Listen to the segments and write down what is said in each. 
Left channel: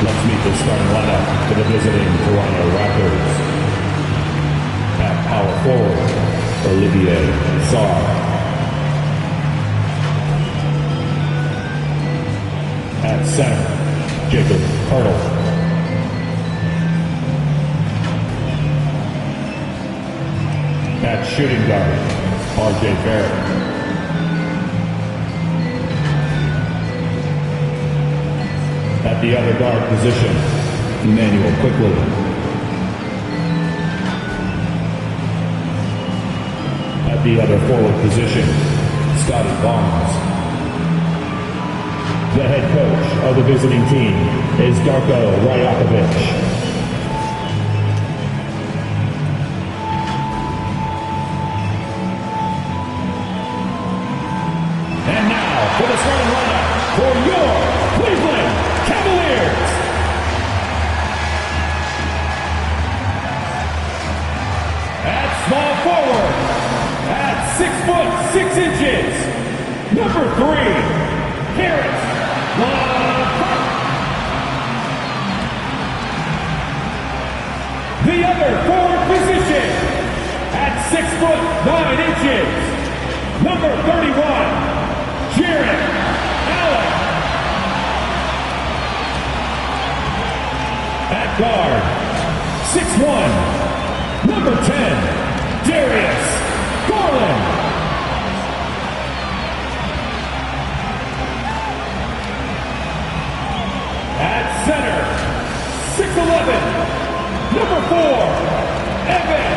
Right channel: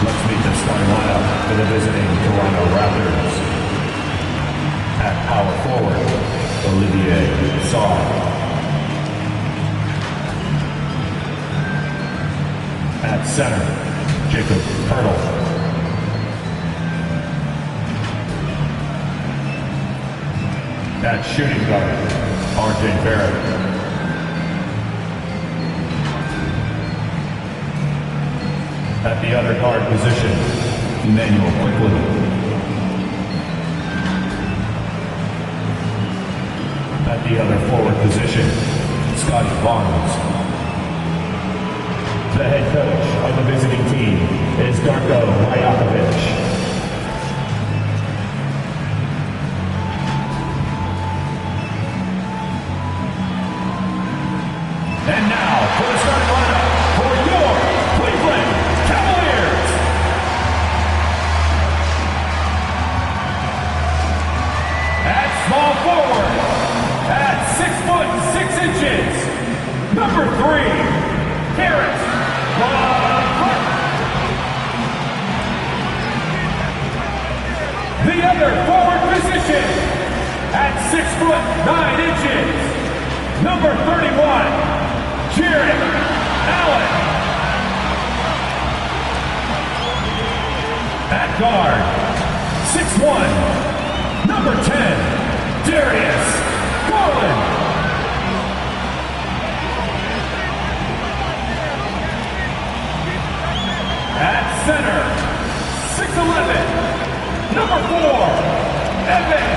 Let's meet the starting lineup for the visiting Toronto Raptors. At power forward, Olivier Sarr. At center, Jacob Hurdle. At shooting guard, RJ Barrett. At the other guard position, Emmanuel Quickly. At the other forward position, Scotty Barnes. The head coach of the visiting team is Darko Rajakovic. And now for the starting lineup for your Cleveland Cavaliers. At small forward, at 6'6", number 3, Harris LeVert. The other forward position, at 6'9", number 31, Jarrett Allen. At guard, 6'1", number 10, Darius Garland. At center, 6'11", number 4, Evan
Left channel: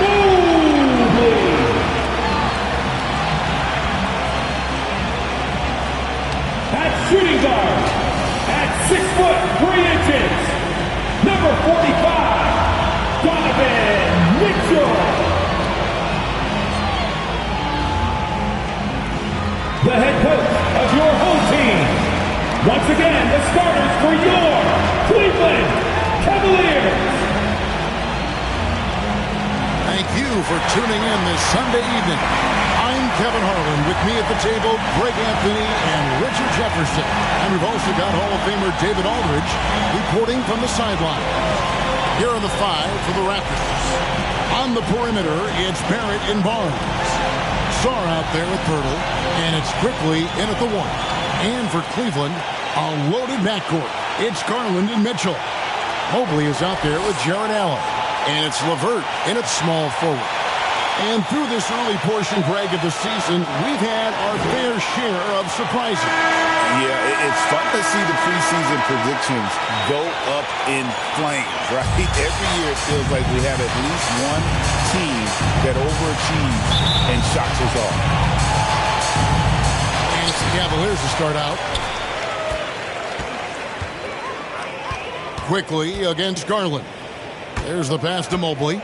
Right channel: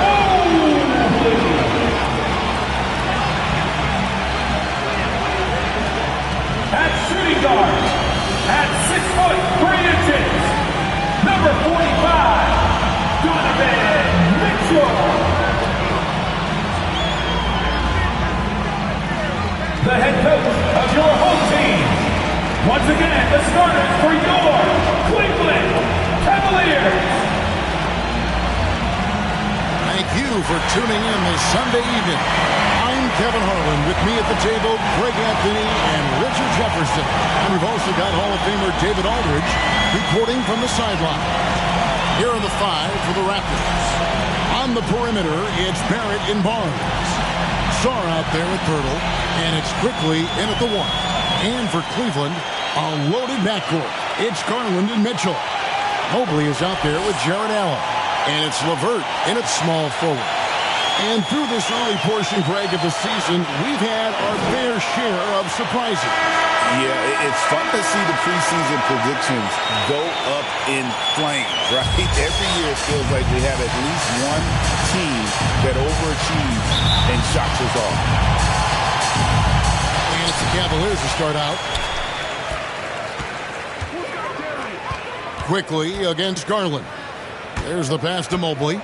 Mobley. At shooting guard, at 6'3", number 45, Donovan Mitchell. The head coach of your home team. Once again, the starters for your Cleveland Cavaliers. Thank you for tuning in this Sunday evening. I'm Kevin Harlan. With me at the table, Greg Anthony and Richard Jefferson. And we've also got Hall of Famer David Aldridge reporting from the sideline. Here are the 5 for the Raptors. On the perimeter, it's Barrett and Barnes. Sarr out there with Pirtle, and it's Quickly in at the 1. And for Cleveland, a loaded backcourt. It's Garland and Mitchell. Mobley is out there with Jarrett Allen. And it's LeVert in at small forward. And through this early portion, Greg, of the season, we've had our fair share of surprises. Yeah, it's fun to see the preseason predictions go up in flames, right? Every year it feels like we have at least one team that overachieves and shocks us all. And it's the Cavaliers to start out. Quickly against Garland. There's the pass to Mobley.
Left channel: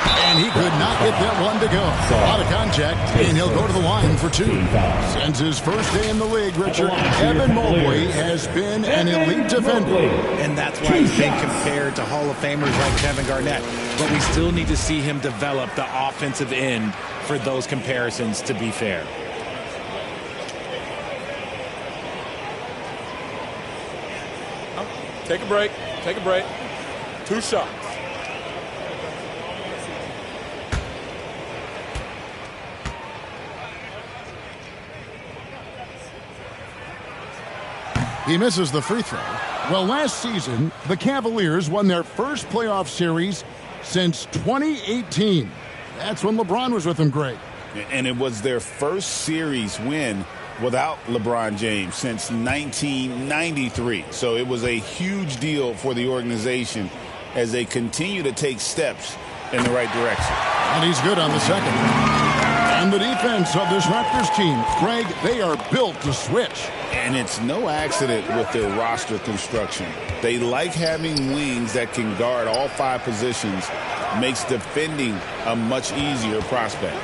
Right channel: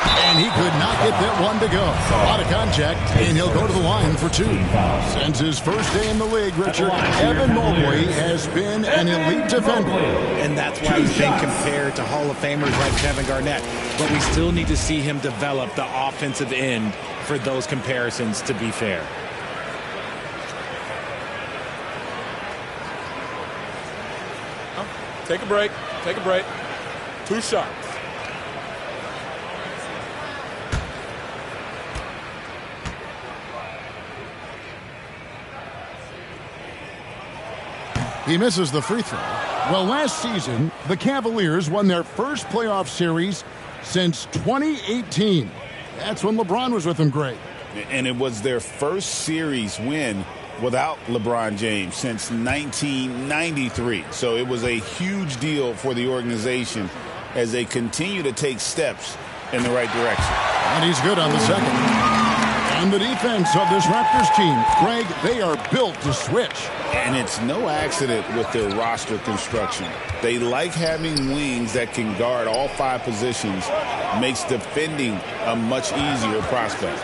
And he could not get that one to go. A lot of contact, and he'll go to the line for 2. Since his first day in the league, Richard, Evan Mobley has been an elite defender. And that's why he's been compared to Hall of Famers like Kevin Garnett. But we still need to see him develop the offensive end for those comparisons to be fair. Take a break. Take a break. 2 shots. He misses the free throw. Well, last season, the Cavaliers won their first playoff series since 2018. That's when LeBron was with them, Greg. And it was their first series win without LeBron James since 1993. So it was a huge deal for the organization as they continue to take steps in the right direction. And he's good on the second. And the defense of this Raptors team, Greg, they are built to switch. And it's no accident with their roster construction. They like having wings that can guard all 5 positions, makes defending a much easier prospect.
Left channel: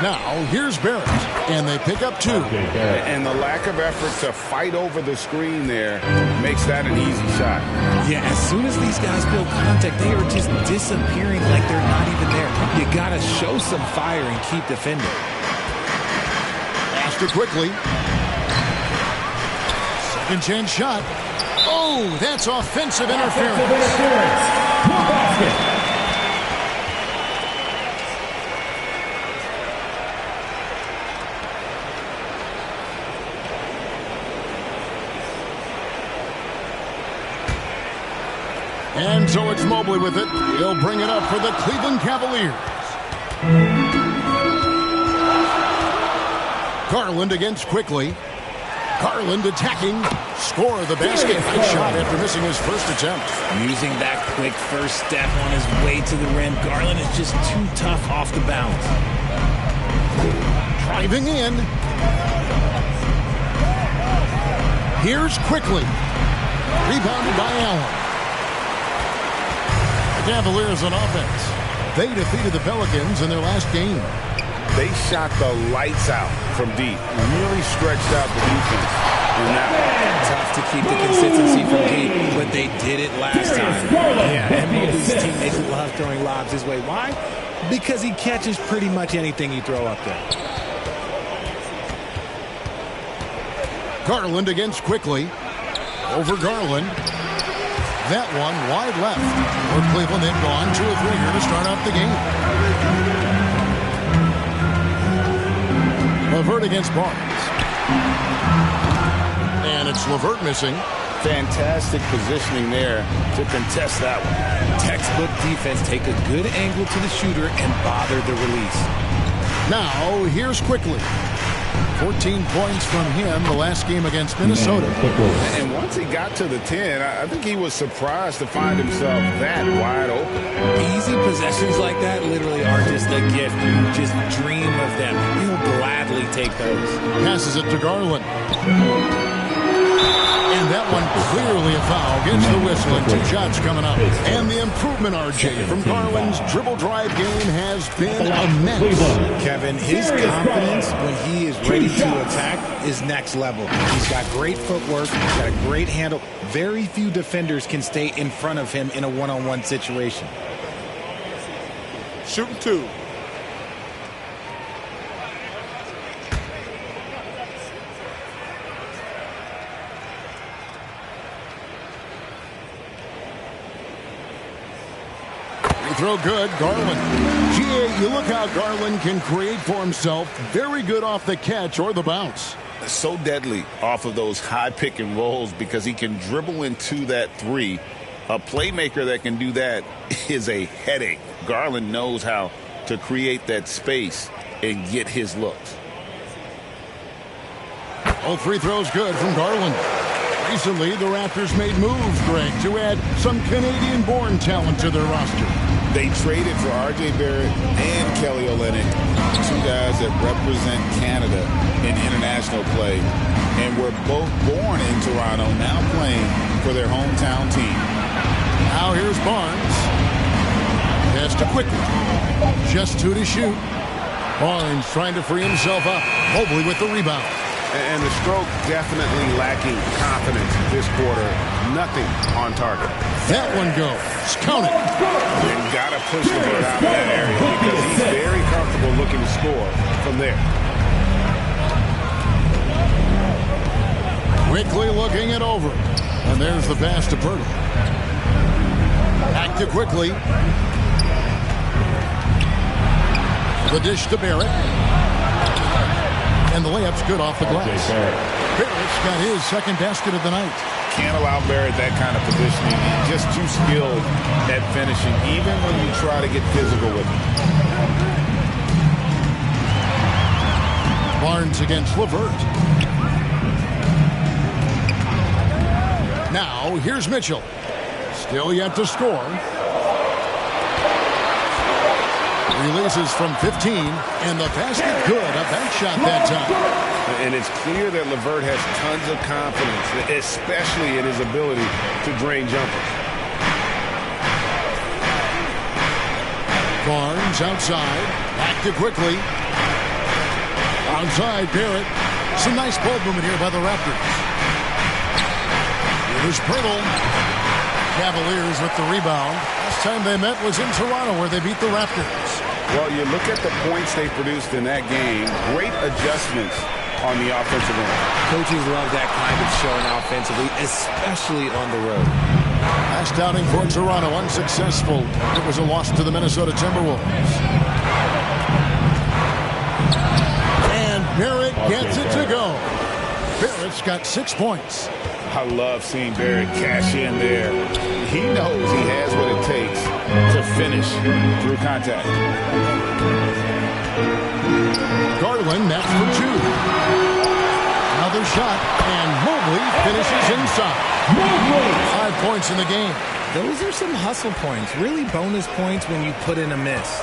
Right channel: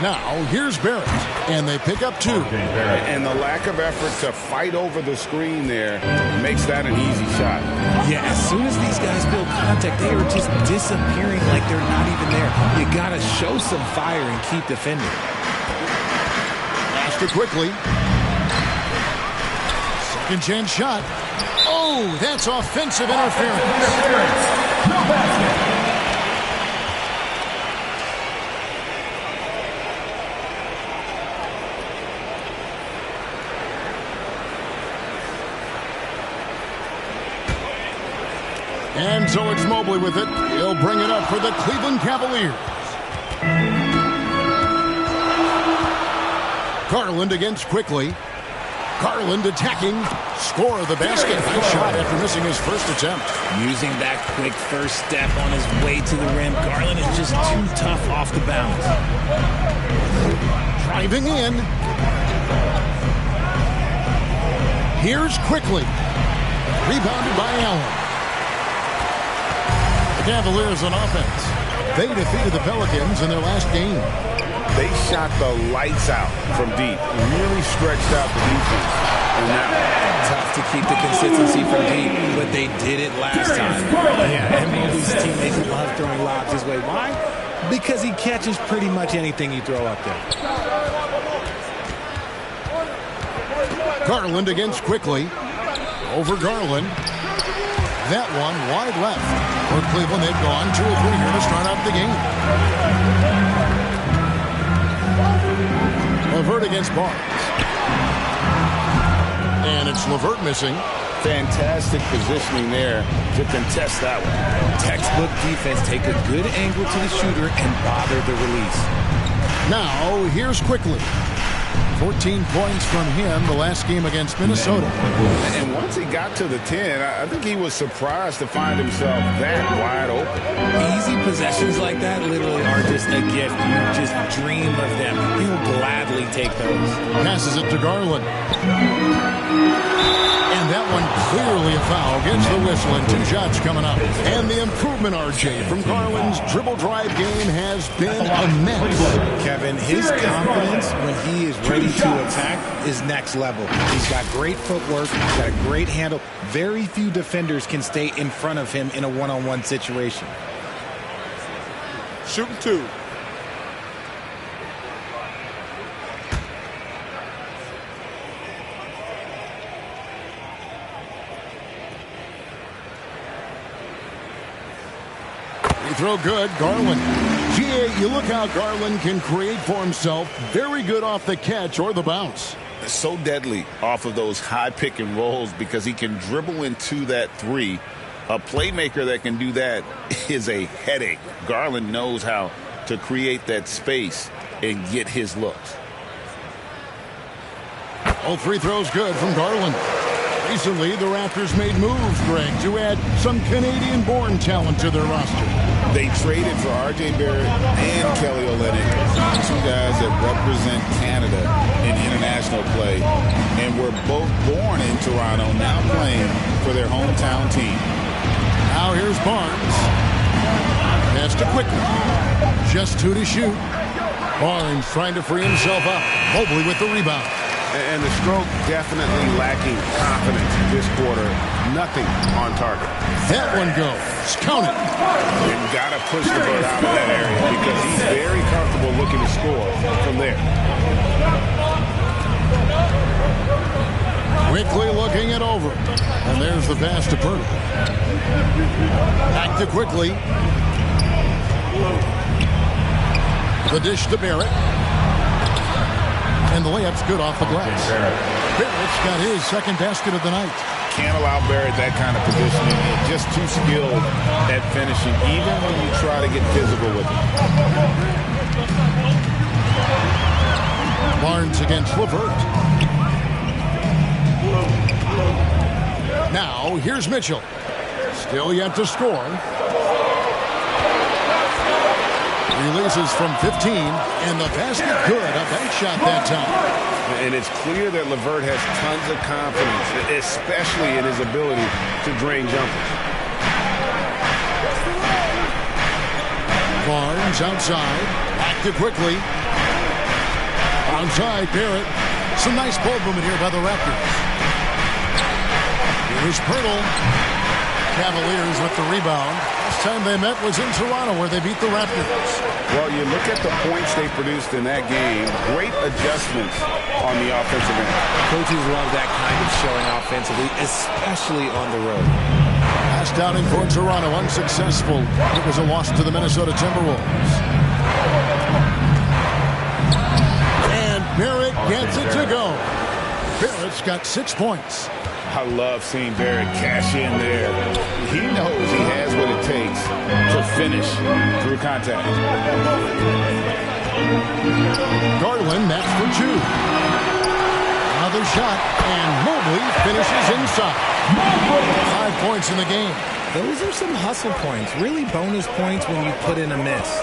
Now, here's Barrett, and they pick up 2. And the lack of effort to fight over the screen there makes that an easy shot. Yeah, as soon as these guys build contact, they are just disappearing like they're not even there. You got to show some fire and keep defending. Faster quickly. Second chance shot. Oh, that's offensive interference. No basket. And so it's Mobley with it. He'll bring it up for the Cleveland Cavaliers. Garland against Quickly. Garland attacking. Score of the basket. Nice shot after missing his first attempt. Using that quick first step on his way to the rim. Garland is just too tough off the bounce. Driving in. Here's Quickly. Rebounded by Allen. The Cavaliers on offense. They defeated the Pelicans in their last game. They shot the lights out from deep. Really stretched out the defense in that one. Tough to keep the consistency from deep, but they did it last time. Yeah, and Mobley's teammates love throwing lobs his way. Why? Because he catches pretty much anything you throw up there. Garland against Quickly. Over Garland. That one wide left. For Cleveland, they've gone 2 or 3 here to start out the game. LeVert against Barnes. And it's LeVert missing. Fantastic positioning there to contest that one. Textbook defense. Take a good angle to the shooter and bother the release. Now, here's Quickly. 14 points from him the last game against Minnesota. And once he got to the 10, I think he was surprised to find himself that wide open. Easy possessions like that literally are just a gift. You just dream of them. He'll gladly take those. Passes it to Garland. And that one clearly a foul. Gets the whistle and 2 shots coming up. And the improvement, RJ, from Garland's dribble drive game has been immense. Kevin, his confidence when he is ready to attack is next level. He's got great footwork. He's got a great handle. Very few defenders can stay in front of him in a one-on-one situation. Shooting 2. Throw good, Garland. GA, you look how Garland can create for himself. Very good off the catch or the bounce. So deadly off of those high pick and rolls because he can dribble into that 3. A playmaker that can do that is a headache. Garland knows how to create that space and get his looks. All 3 throws good from Garland. Recently, the Raptors made moves, Greg, to add some Canadian-born talent to their roster. They traded for R.J. Barrett and Kelly Olynyk, 2 guys that represent Canada in international play, and were both born in Toronto, now playing for their hometown team. Now here's Barnes. Pass to Quickly. Just 2 to shoot. Barnes trying to free himself up. Mobley with the rebound. And the stroke definitely lacking confidence this quarter. Nothing on target. That one goes. Count it. And got to push the bird out of that area because he's very comfortable looking to score from there. Quickly looking it over. And there's the pass to Purtle. Back to Quickly. The dish to Barrett. And the layup's good off the glass. Barrett's got his second basket of the night. Can't allow Barrett that kind of positioning. He's just too skilled at finishing, even when you try to get physical with him. Barnes against LeVert. Now, here's Mitchell. Still yet to score. Releases from 15, and the basket good. A bank shot that time. And it's clear that LeVert has tons of confidence, especially in his ability to drain jumpers. Barnes outside. Back to Quickly. Outside, Barrett. Some nice ball movement here by the Raptors. Here's Purtle. Cavaliers with the rebound. Last time they met was in Toronto where they beat the Raptors. Well, you look at the points they produced in that game. Great adjustments on the offensive end. Coaches love that kind of showing offensively, especially on the road. Last outing for Toronto, unsuccessful. It was a loss to the Minnesota Timberwolves. And Barrett gets it to go. Barrett's got 6 points. I love seeing Barrett cash in there. He knows he has what it takes to finish through contact. Garland, that's for 2. Another shot, and Mobley finishes inside. 5 points in the game. Those are some hustle points, really bonus points when you put in a miss.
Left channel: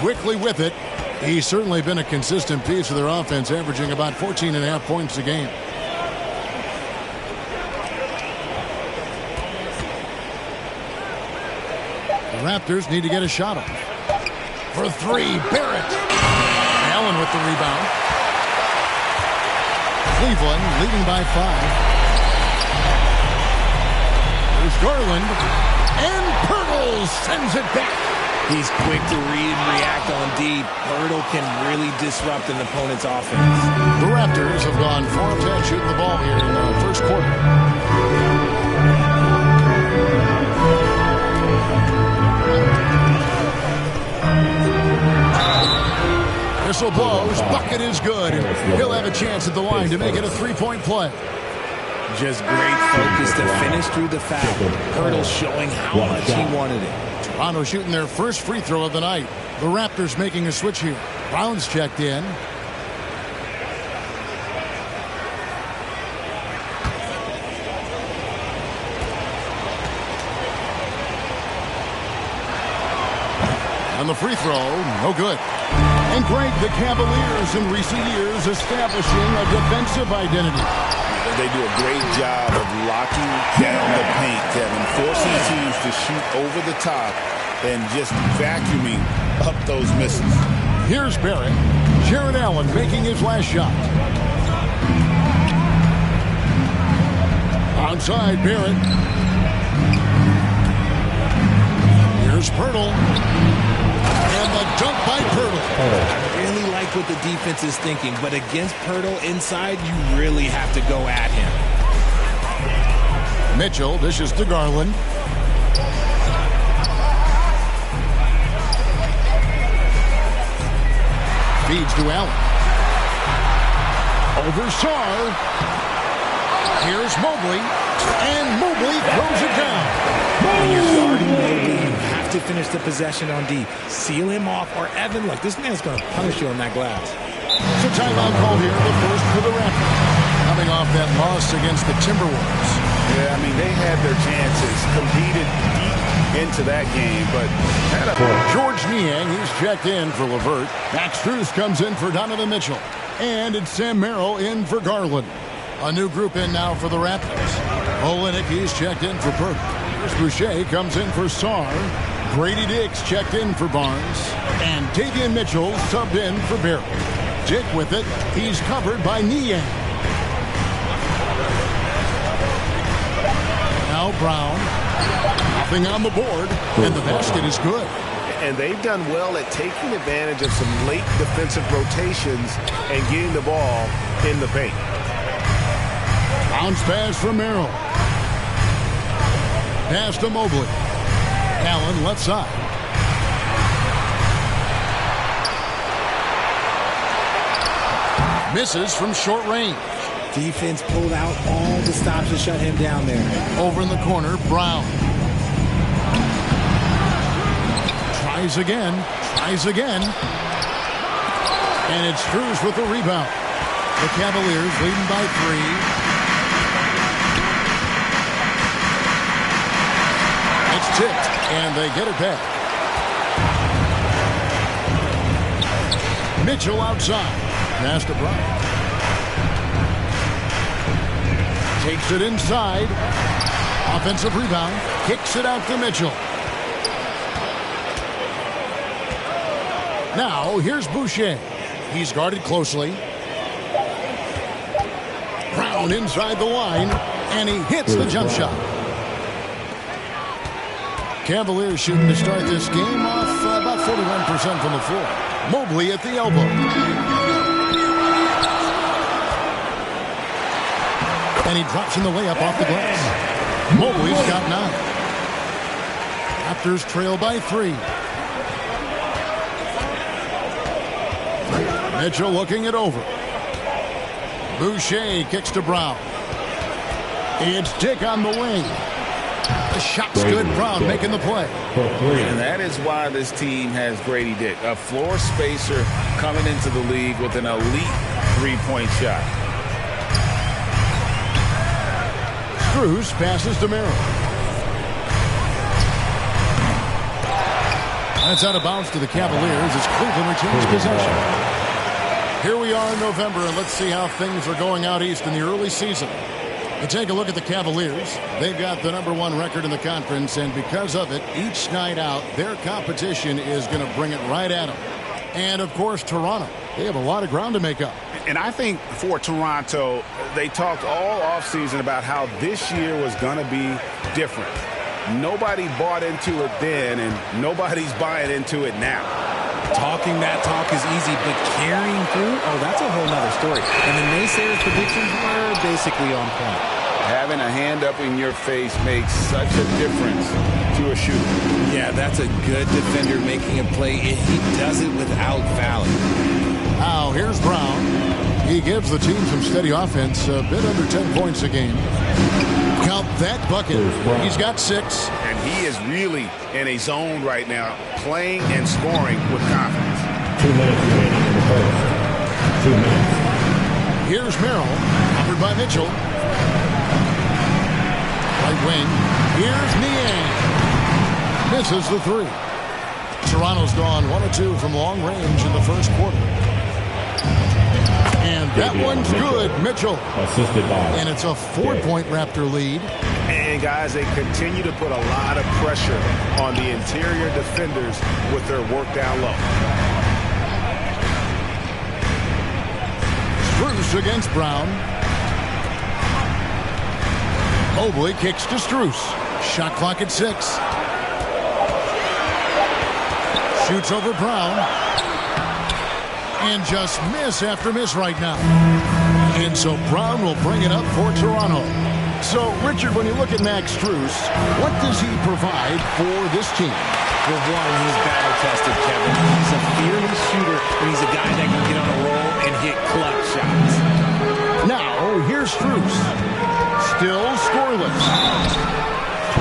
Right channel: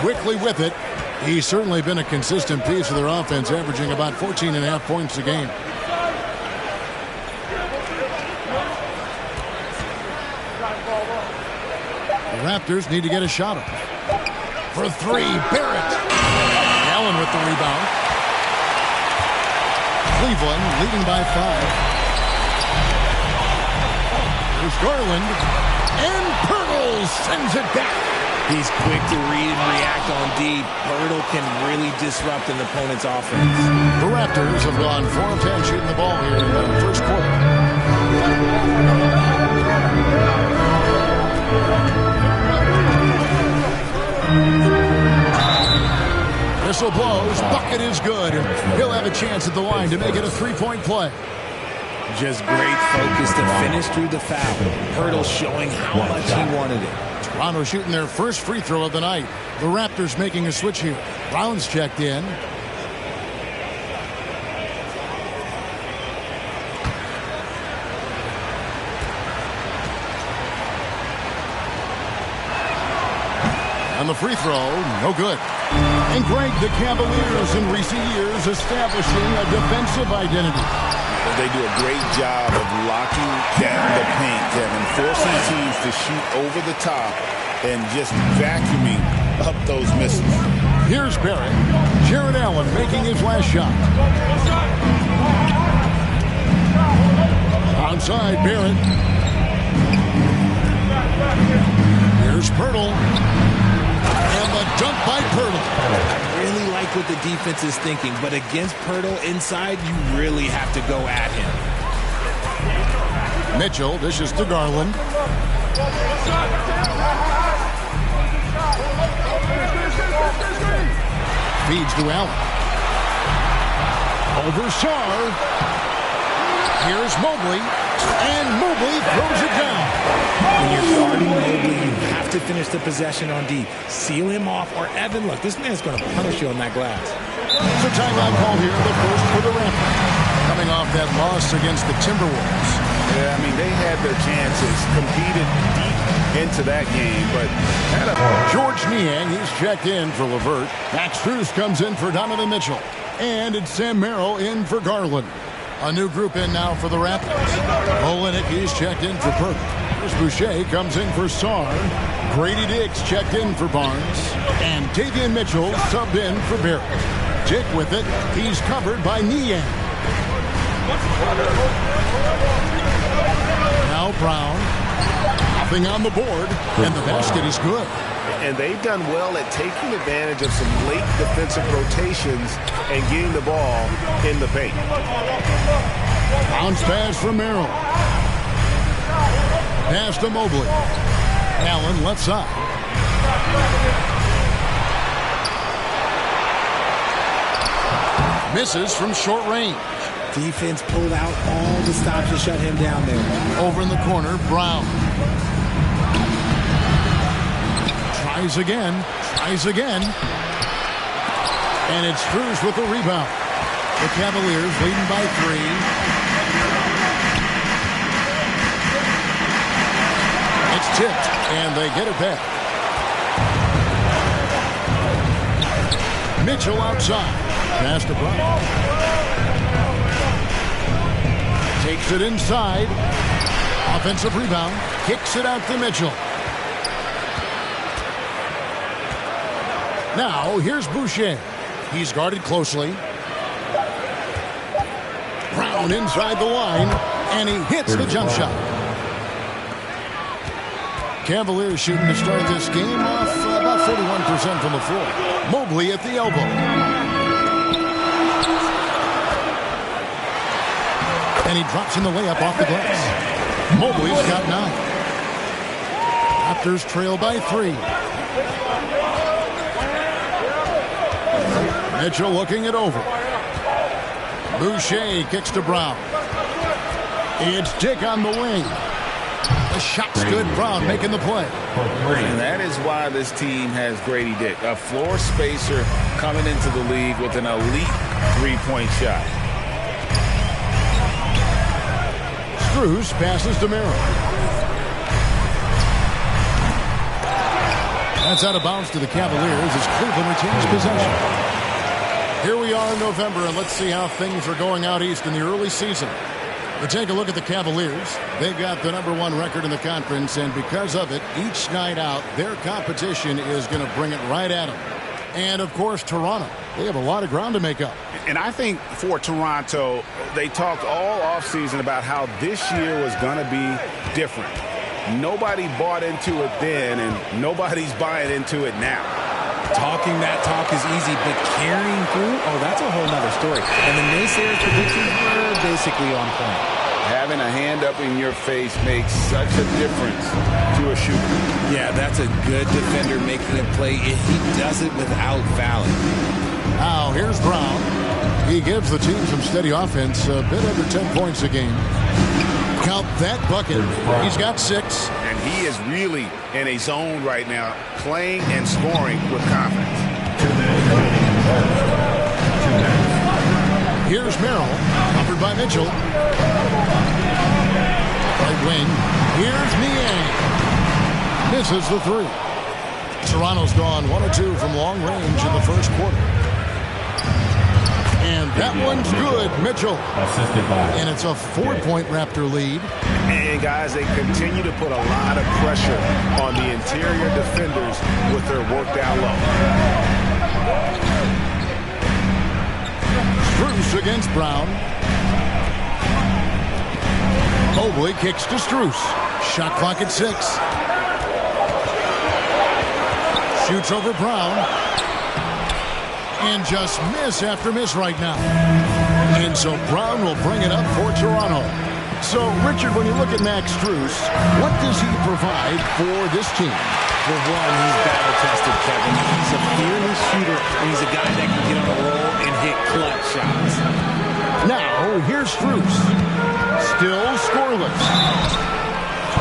Quickly with it. He's certainly been a consistent piece of their offense, averaging about 14.5 points a game. The Raptors need to get a shot off. For 3, Barrett. Allen with the rebound. Cleveland leading by 5. There's Garland. And Pirtle sends it back. He's quick to read and react on D. Pirtle can really disrupt an opponent's offense. The Raptors have gone 4 of 10 shooting the ball here in the first quarter. Whistle blows. Bucket is good. He'll have a chance at the line to make it a 3-point play. Just great focus to finish through the foul. Pirtle showing how much he wanted it. Toronto shooting their first free throw of the night. The Raptors making a switch here. Brown's checked in. On the free throw, no good. And Greg, the Cavaliers in recent years establishing a defensive identity. They do a great job of locking down the paint, Kevin, forcing teams to shoot over the top and just vacuuming up those misses. Here's Barrett. Jared Allen making his last shot. Outside, Barrett. Here's Pirtle. And the dunk by Pirtle. I really like what the defense is thinking, but against Pirtle inside, you really have to go at him. Mitchell dishes to Garland. Feeds to Allen. Over Sarr. Here's Mobley. And Mobley throws it down. When you're guarding Mobley, you have to finish the possession on D. Seal him off, or Evan, look, this man's going to punish you on that glass. So timeout call here, the first for the Raptors. Coming off that loss against the Timberwolves. Yeah, I mean, they had their chances, competed deep into that game, but had a... George Niang, he's checked in for LeVert. Max Strus comes in for Donovan Mitchell. And it's Sam Merrill in for Garland. A new group in now for the Raptors. Olenek, he's checked in for Pirtle. Chris Boucher comes in for Sarr. Grady Dix checked in for Barnes. And Davion Mitchell subbed in for Barrett. Dick with it. He's covered by Niang. Now Brown. Nothing on the board. And the basket is good. And they've done well at taking advantage of some late defensive rotations and getting the ball in the paint. Bounce pass from Merrill. Pass to Mobley. Allen left side. Misses from short range. Defense pulled out all the stops to shut him down there. Over in the corner, Brown. Tries again. Tries again. And it's Strus with the rebound. The Cavaliers leading by 3. It's tipped, and they get it back. Mitchell outside. Pass to Brown. Takes it inside. Offensive rebound. Kicks it out to Mitchell. Now, here's Boucher. He's guarded closely. Brown inside the line, and he hits the jump shot. Cavaliers shooting to start this game off about 41% from the floor. Mobley at the elbow. And he drops in the layup off the glass. Mobley's got 9. Raptors trail by 3. Mitchell looking it over. Boucher kicks to Brown. It's Dick on the wing. The shot's good. Brown making the play. And that is why this team has Grady Dick, a floor spacer coming into the league with an elite three-point shot. Strus passes to Merrill. That's out of bounds to the Cavaliers as Cleveland retains possession. Here we are in November, and let's see how things are going out east in the early season. But take a look at the Cavaliers. They've got the #1 record in the conference, and because of it, each night out, their competition is going to bring it right at them. And, of course, Toronto. They have a lot of ground to make up. And I think for Toronto, they talked all offseason about how this year was going to be different. Nobody bought into it then, and nobody's buying into it now. Talking that talk is easy, but carrying through, oh, that's a whole nother story. And the naysayers' predictions were basically on point. Having a hand up in your face makes such a difference to a shooter. Yeah, that's a good defender making a play. He does it without fouling. Now, here's Brown. He gives the team some steady offense, a bit under 10 points a game. Count that bucket. He's got 6. And he is really in a zone right now, playing and scoring with confidence. 2 minutes remaining in the first. 2 minutes. Here's Merrill, offered by Mitchell. Right wing. Here's Niang. Misses the 3. Toronto's gone 1 of 2 from long range in the first quarter. And that one's good, Mitchell. Assisted by. And it's a 4-point Raptor lead. And, guys, they continue to put a lot of pressure on the interior defenders with their work down low. Strus against Brown. Mobley kicks to Strus. Shot clock at 6. Shoots over Brown. And just miss after miss right now. And so Brown will bring it up for Toronto. So, Richard, when you look at Max Strus, what does he provide for this team? For one, he's battle-tested, Kevin. He's a fearless shooter, and he's a guy that can get on a roll and hit clutch shots. Now, here's Strus. Still scoreless.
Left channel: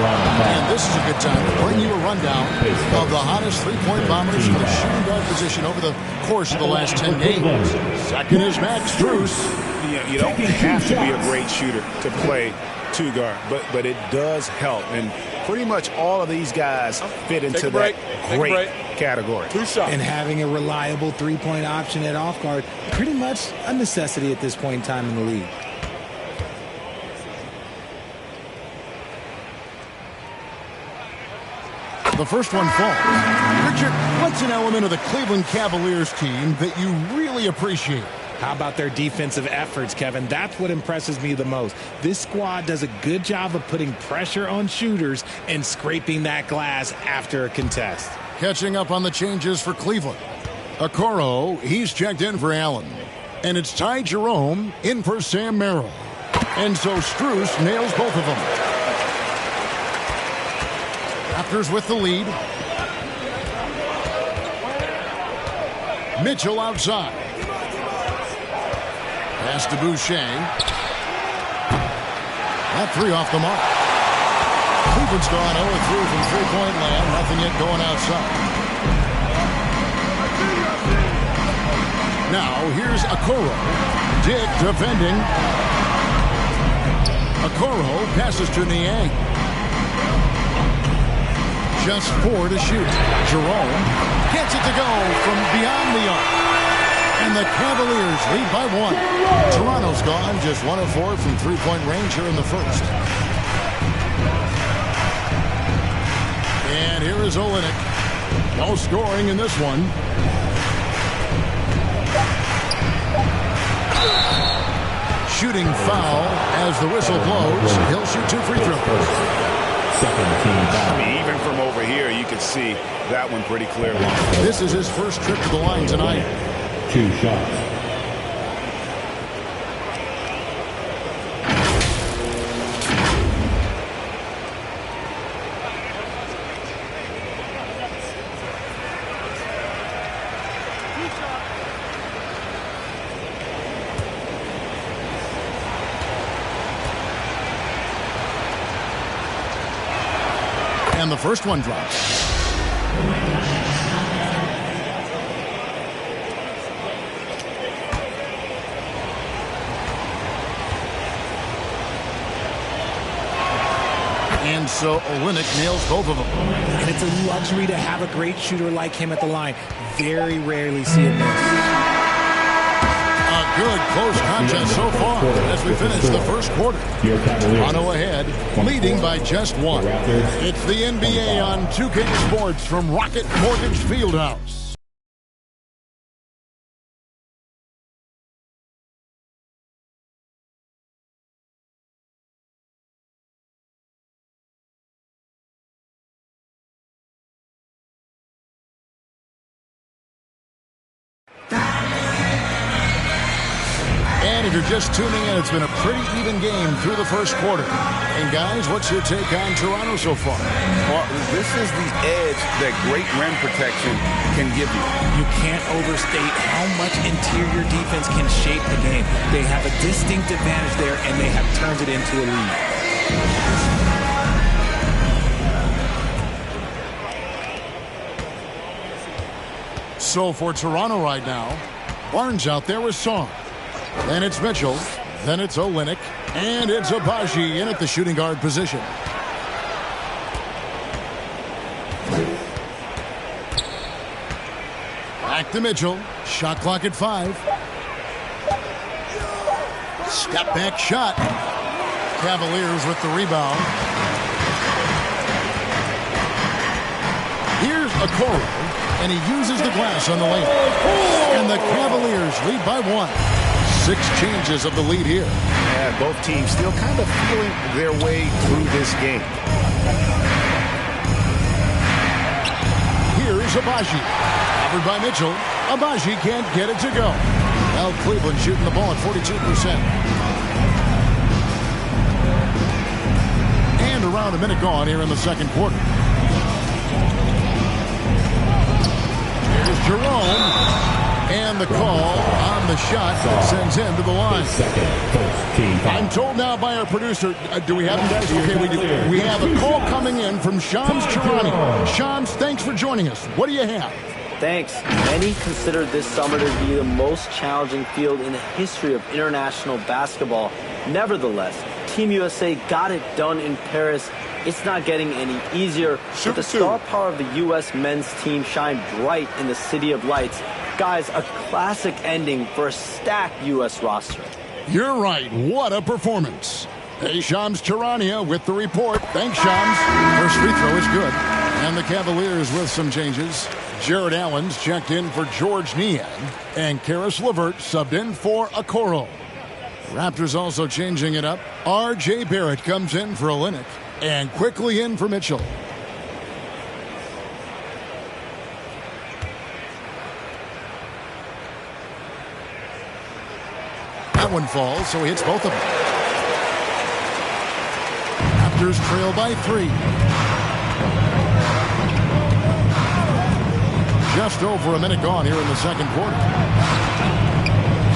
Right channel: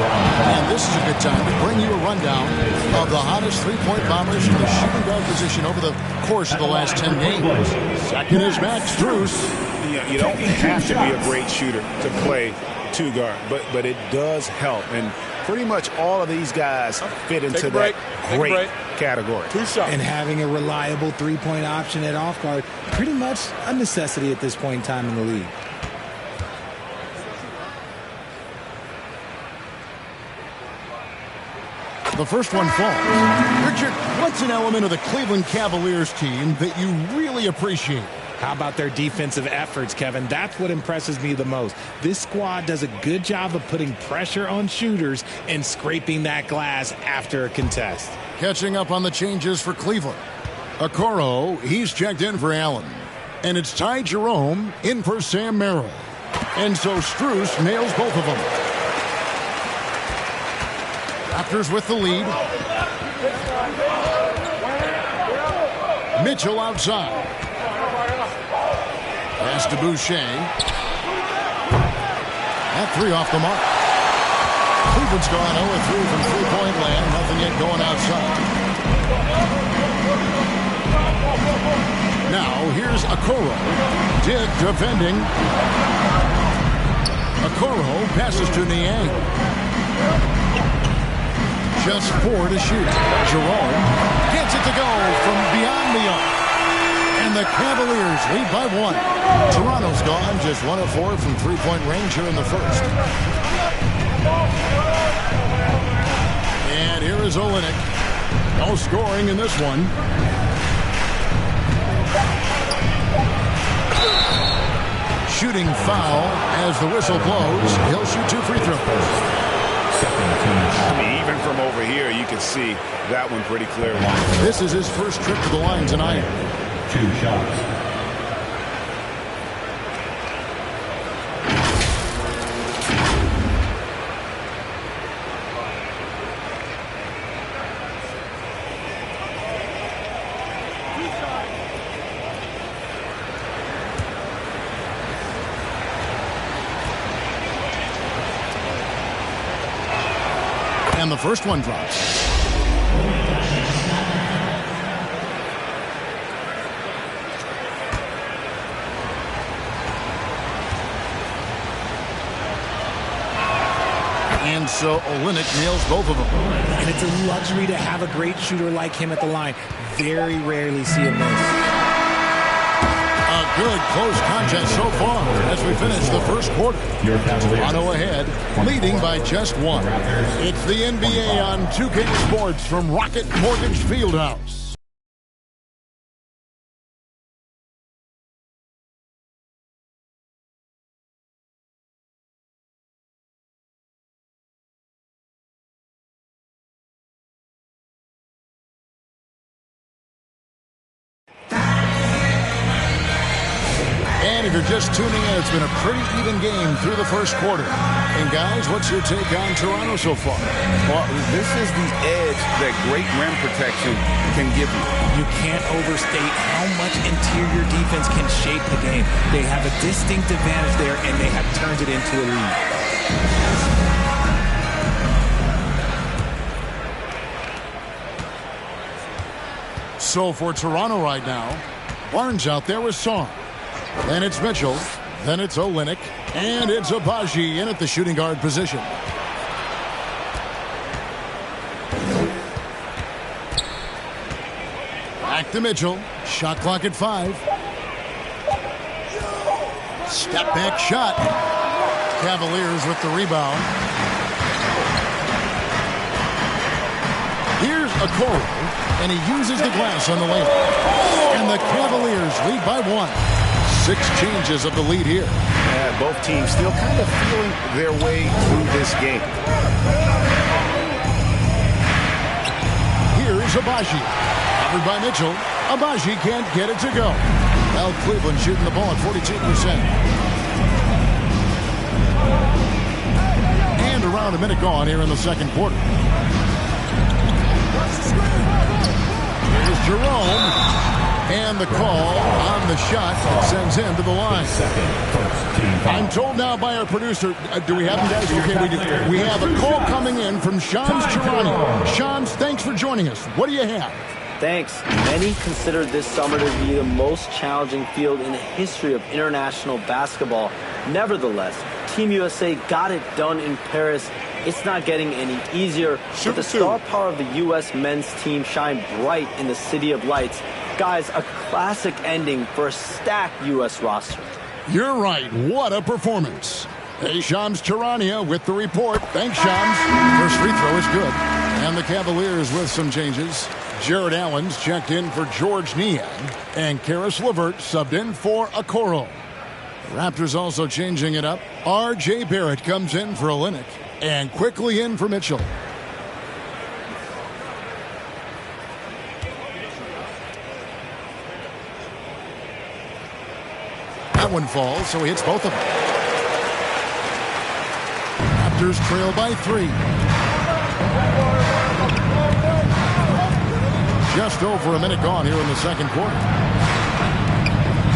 And this is a good time to bring you a rundown of the hottest three-point bombers from the shooting guard position over the course of the last 10 games. Second is Max Strus. You don't have to be a great shooter to play two guard, but it does help. And pretty much all of these guys fit into that great category. 2 shots. And having a reliable three-point option at off guard, pretty much a necessity at this point in time in the league. The first one falls. Richard, what's an element of the Cleveland Cavaliers team that you really appreciate? How about their defensive efforts, Kevin? That's what impresses me the most. This squad does a good job of putting pressure on shooters and scraping that glass after a contest. Catching up on the changes for Cleveland. Okoro, he's checked in for Allen. And it's Ty Jerome in for Sam Merrill. And so Strus nails both of them. Raptors with the lead. Mitchell outside. Pass to Boucher. That 3 off the mark. Cleveland's gone 0-3 from three-point land. Nothing yet going outside. Now here's Okoro. Dick defending. Okoro passes to Niang. Just 4 to shoot. Jerome gets it to go from beyond the arc. And the Cavaliers lead by 1. Toronto's gone just 1 of 4 from three-point range here in the first. And here is Olynyk. No scoring in this one. Shooting foul as the whistle blows. He'll shoot 2 free throws. Second team foul. I mean, even from over here, you can see that one pretty clearly. This is his first trip to the line tonight. 2 shots. And the first one drops. And so Olynyk nails both of them. And it's a luxury to have a great shooter like him at the line. Very rarely see him miss. A good close contest so far as we finish the first quarter. Toronto ahead, leading by just 1. It's the NBA on 2K Sports from Rocket Mortgage Fieldhouse. And if you're just tuning in, it's been a pretty even game through the first quarter. And guys, what's your take on Toronto so far? Well, this is the edge that great rim protection can give you. You can't overstate how much interior defense can shape the game. They have a distinct advantage there, and they have turned it into a lead. So for Toronto right now, Barnes out there with Song. Then it's Mitchell. Then it's Olynyk. And it's Abaji in at the shooting guard position. Back to Mitchell. Shot clock at 5. Step back shot. Cavaliers with the rebound. Here's Okoro. And he uses the glass on the layup. And the Cavaliers lead by 1. 6 changes of the lead here. Yeah, both teams still kind of feeling their way through this game. Here's Abaji. Covered by Mitchell. Abaji can't get it to go. Well, Cleveland shooting the ball at 42%. And around a minute gone here in the second quarter. Here's Jerome. And the call on the shot that sends him to the line. I'm told now by our producer, do we have him, guys? Okay, we do. We have a call coming in from Shams Charania. Shams, thanks for joining us. What do you have? Thanks. Many consider this summer to be the most challenging field in the history of international basketball. Nevertheless, Team USA got it done in Paris. It's not getting any easier, but the star power of the U.S. men's team shined bright in the City of Lights. Guys, a classic ending for a stacked U.S. roster. You're right. What a performance. Hey, Shams Charania with the report. Thanks, Shams. First free throw is good. And the Cavaliers with some changes. Jared Allen's checked in for George Niang. And Karis LeVert subbed in for Okoro. Raptors also changing it up. R.J. Barrett comes in for Olynyk. And quickly in for Mitchell. That one falls, so he hits both of them. Raptors trail by 3. Just over a minute gone here in the second quarter.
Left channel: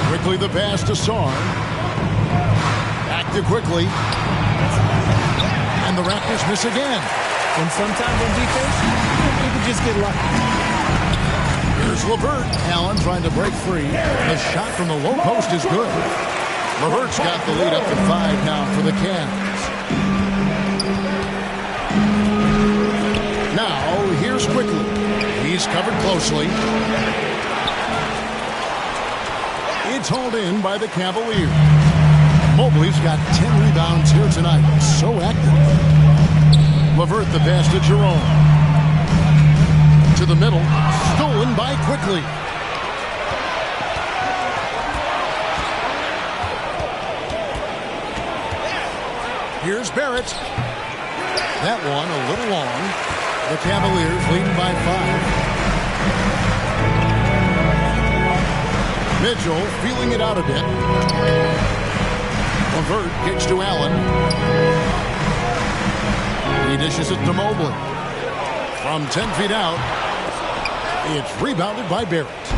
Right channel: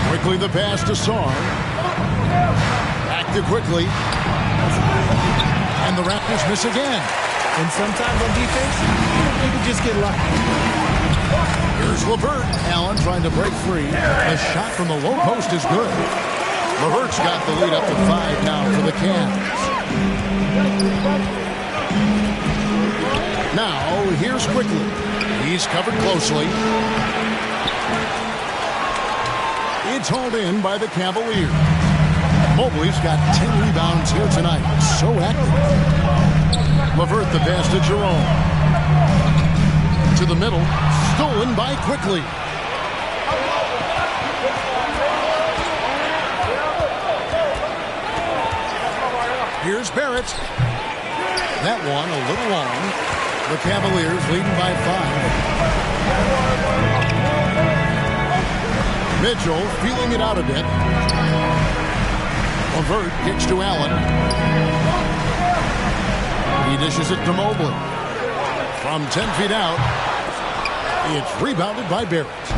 Quickly the pass to Sarr. Back to Quickly. And the Raptors miss again. And sometimes on defense, you can just get lucky. Here's LeVert. Allen trying to break free. The shot from the low post is good. LeVert's got the lead up to 5 now for the Cavs. Now, here's Quickly. He's covered closely. It's hauled in by the Cavaliers. Mobley's got 10 rebounds here tonight. So active. LeVert the pass to Jerome. To the middle. Stolen by Quickly. Here's Barrett. That one a little long. The Cavaliers leading by 5. Mitchell feeling it out a bit. LeVert kicks to Allen. He dishes it to Mobley. From 10 feet out, it's rebounded by Barrett.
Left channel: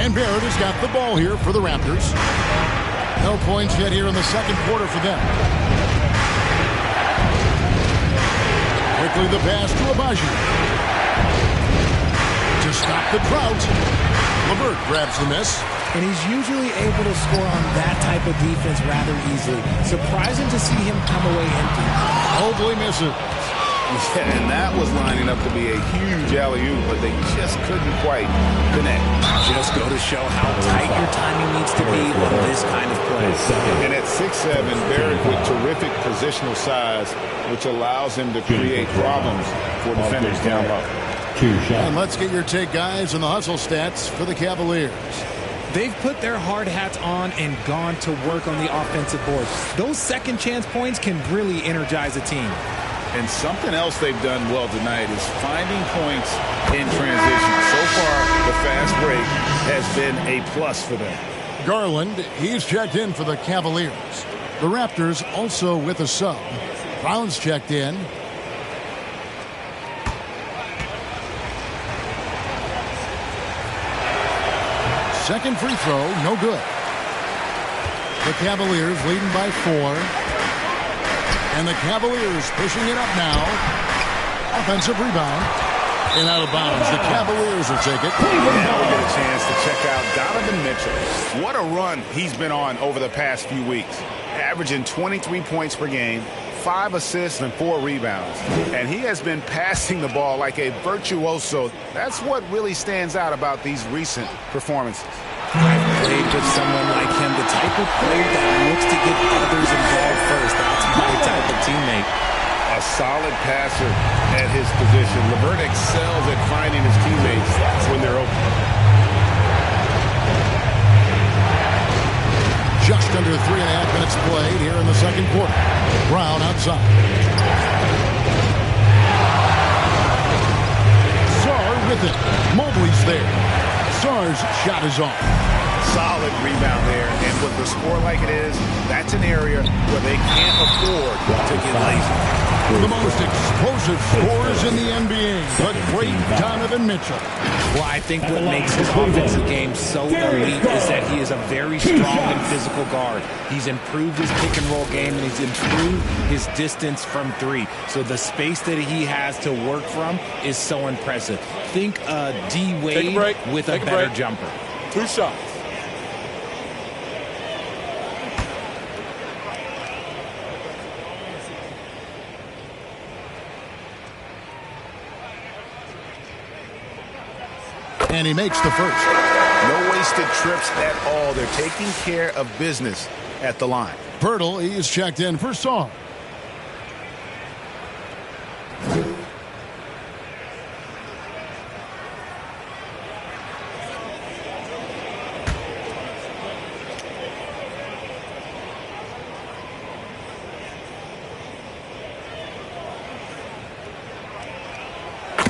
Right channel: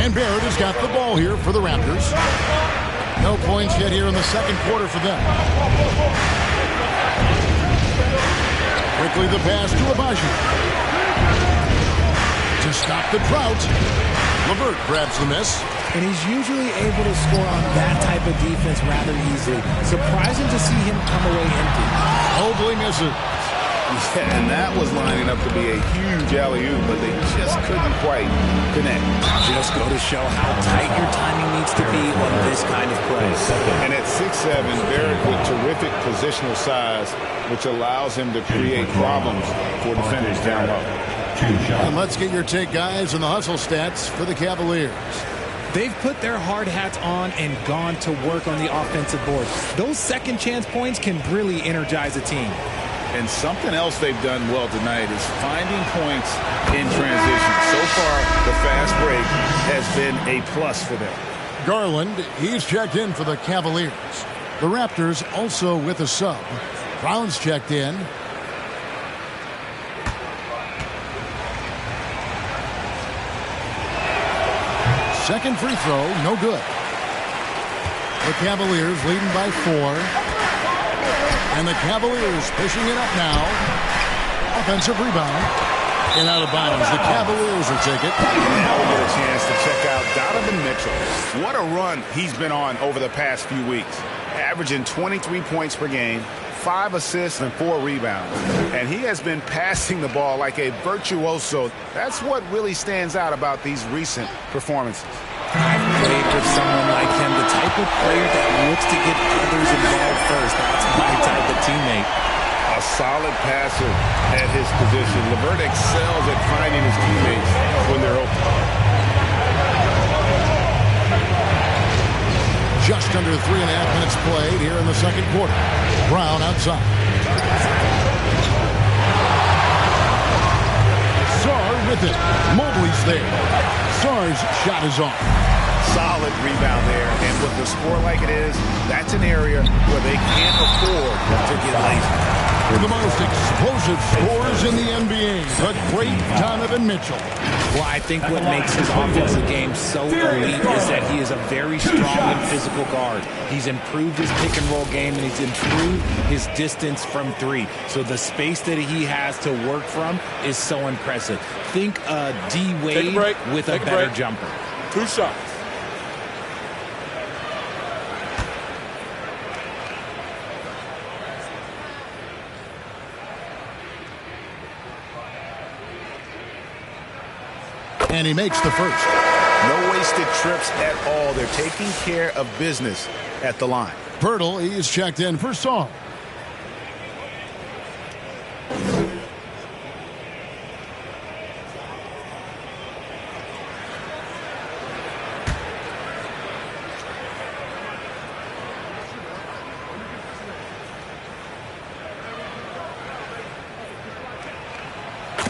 And Barrett has got the ball here for the Raptors. No points yet here in the second quarter for them. Quickly the pass to Abaji. To stop the drought, LeVert grabs the miss. And he's usually able to score on that type of defense rather easily. Surprising to see him come away empty. Mobley misses. Yeah, and that was lining up to be a huge alley-oop, but they just couldn't quite connect. Just go to show how tight your timing needs to be on this kind of play. And at 6'7", Barrett with terrific positional size, which allows him to create problems for defenders down low. And let's get your take, guys, on the hustle stats for the Cavaliers. They've put their hard hats on and gone to work on the offensive board. Those second chance points can really energize a team. And something else they've done well tonight is finding points in transition. So far, the fast break has been a plus for them. Garland, he's checked in for the Cavaliers. The Raptors also with a sub. Brown's checked in. Second free throw, no good. The Cavaliers leading by 4. And the Cavaliers pushing it up now. Offensive rebound. And out of bounds. The Cavaliers will take it. And now we get a chance to check out Donovan Mitchell. What a run he's been on over the past few weeks. Averaging 23 points per game, 5 assists and 4 rebounds. And he has been passing the ball like a virtuoso. That's what really stands out about these recent performances. I've played with someone like him, the type of player that looks to get others involved first. That's my type of teammate. A solid passer at his position. LeVert excels at finding his teammates when they're open. Just under 3.5 minutes played here in the second quarter. Brown outside. Sarr with it. Mobley's there. Sarr's shot is off. Solid rebound there, and with the score like it is, that's an area where they can't afford to get lazy. The most explosive scorers in the NBA, the great Donovan Mitchell. Well, I think what makes his offensive game so elite is that he is a very strong and physical guard. He's improved his pick and roll game, and he's improved his distance from 3. So the space that he has to work from is so impressive. Think D. Wade with a better jumper. 2 shots. And he makes the first. No wasted trips at all. They're taking care of business at the line. Pirtle, he is checked in for Sarr.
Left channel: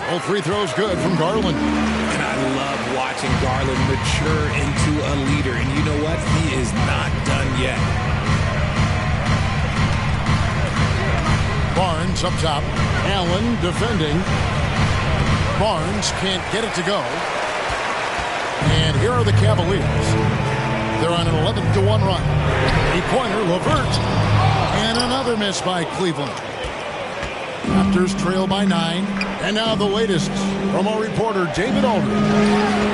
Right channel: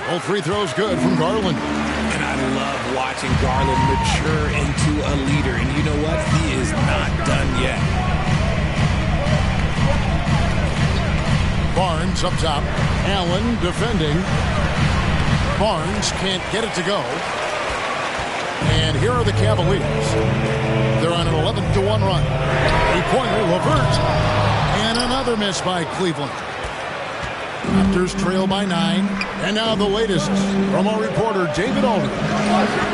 All free throws good from Garland. And I love watching Garland mature into a leader. And you know what? He is not done yet. Barnes up top. Allen defending. Barnes can't get it to go. And here are the Cavaliers. They're on an 11-1 run. 8-pointer, LeVert. And another miss by Cleveland. Raptors trail by 9. And now the latest from our reporter, David Aldridge.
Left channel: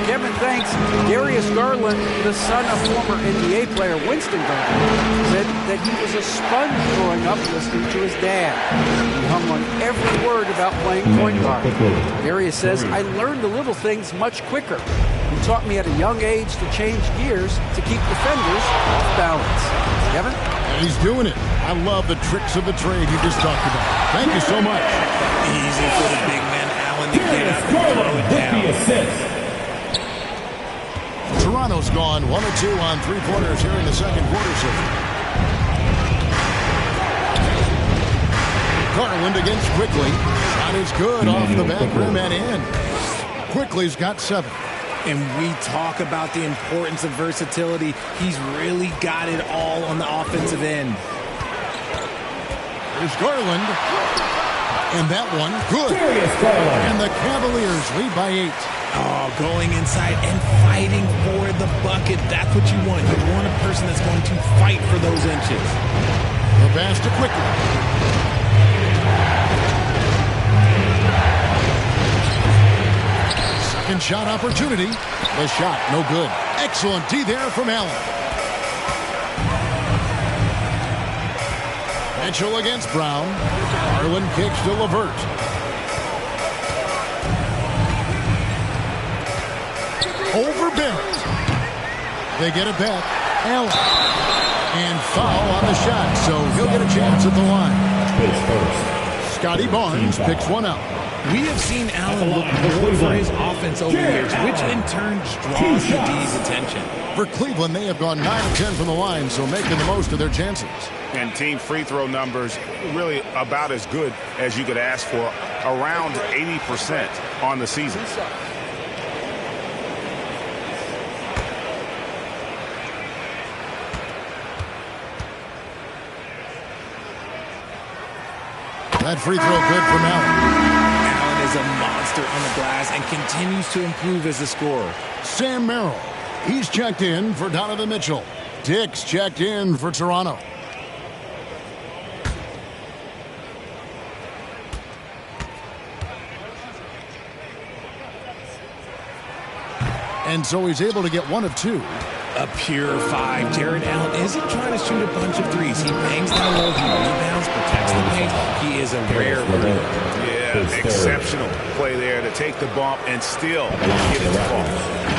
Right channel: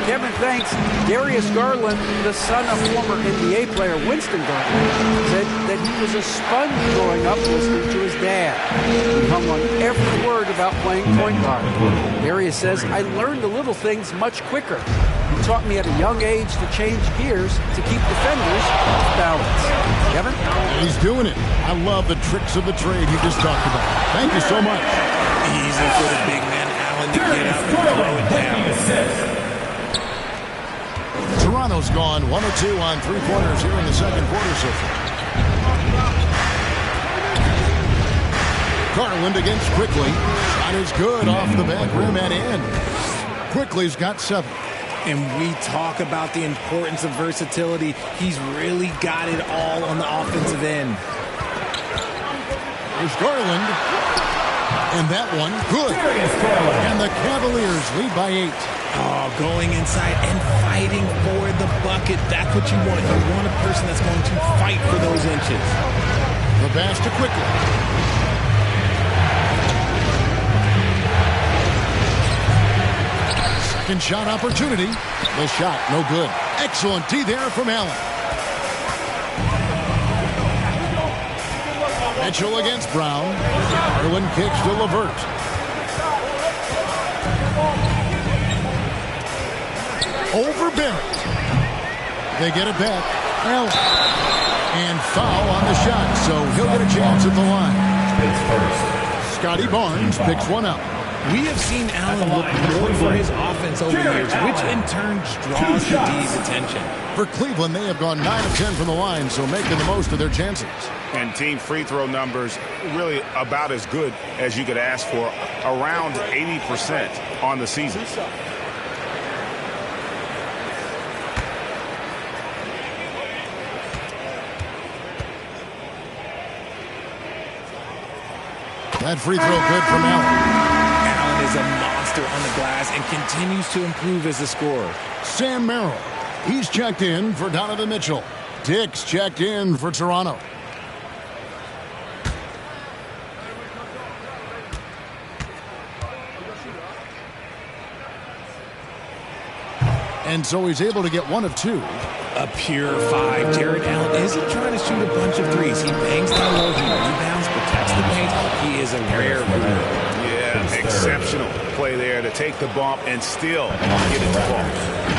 Kevin, thanks. Darius Garland, the son of former NBA player Winston Garland, said that he was a sponge growing up listening to his dad. He hung on every word about playing point guard. Darius says, I learned the little things much quicker. He taught me at a young age to change gears to keep defenders off balance. Kevin? And he's doing it. I love the tricks of the trade you just talked about. Thank you so much. Easy for the big man Allen to get up and throw it down. Toronto's gone 1 of 2 on 3-pointers here in the second quarter so far. Garland against Quickly. Shot is good off the back rim and in. Quickly's got 7. And we talk about the importance of versatility. He's really got it all on the offensive end. There's Garland. And that one, good. And the Cavaliers lead by 8. Oh, going inside and fighting for the bucket. That's what you want. You want a person that's going to fight for those inches. The pass to Quickly. Second shot opportunity. The shot, no good. Excellent D there from Allen. Mitchell against Brown. Garland kicks to LeVert. Over Barrett. They get it back. Allen. And foul on the shot, so he'll get a chance at the line. Scotty Barnes picks one up. We have seen Allen look more for his offense over the years, which in turn draws the D's attention. For Cleveland, they have gone 9 of 10 from the line, so making the most of their chances. And team free throw numbers really about as good as you could ask for, around 80% on the season. That free throw good from Allen. Allen is a monster on the glass and continues to improve as a scorer. Sam Merrill, he's checked in for Donovan Mitchell. Dick's checked in for Toronto. And so he's able to get 1 of 2. A pure 5. Jared Allen isn't trying to shoot a bunch of threes. He bangs down low, he rebounds, protects the paint. He is a rare breed. Yeah, exceptional play there to take the bump and still get it to fall.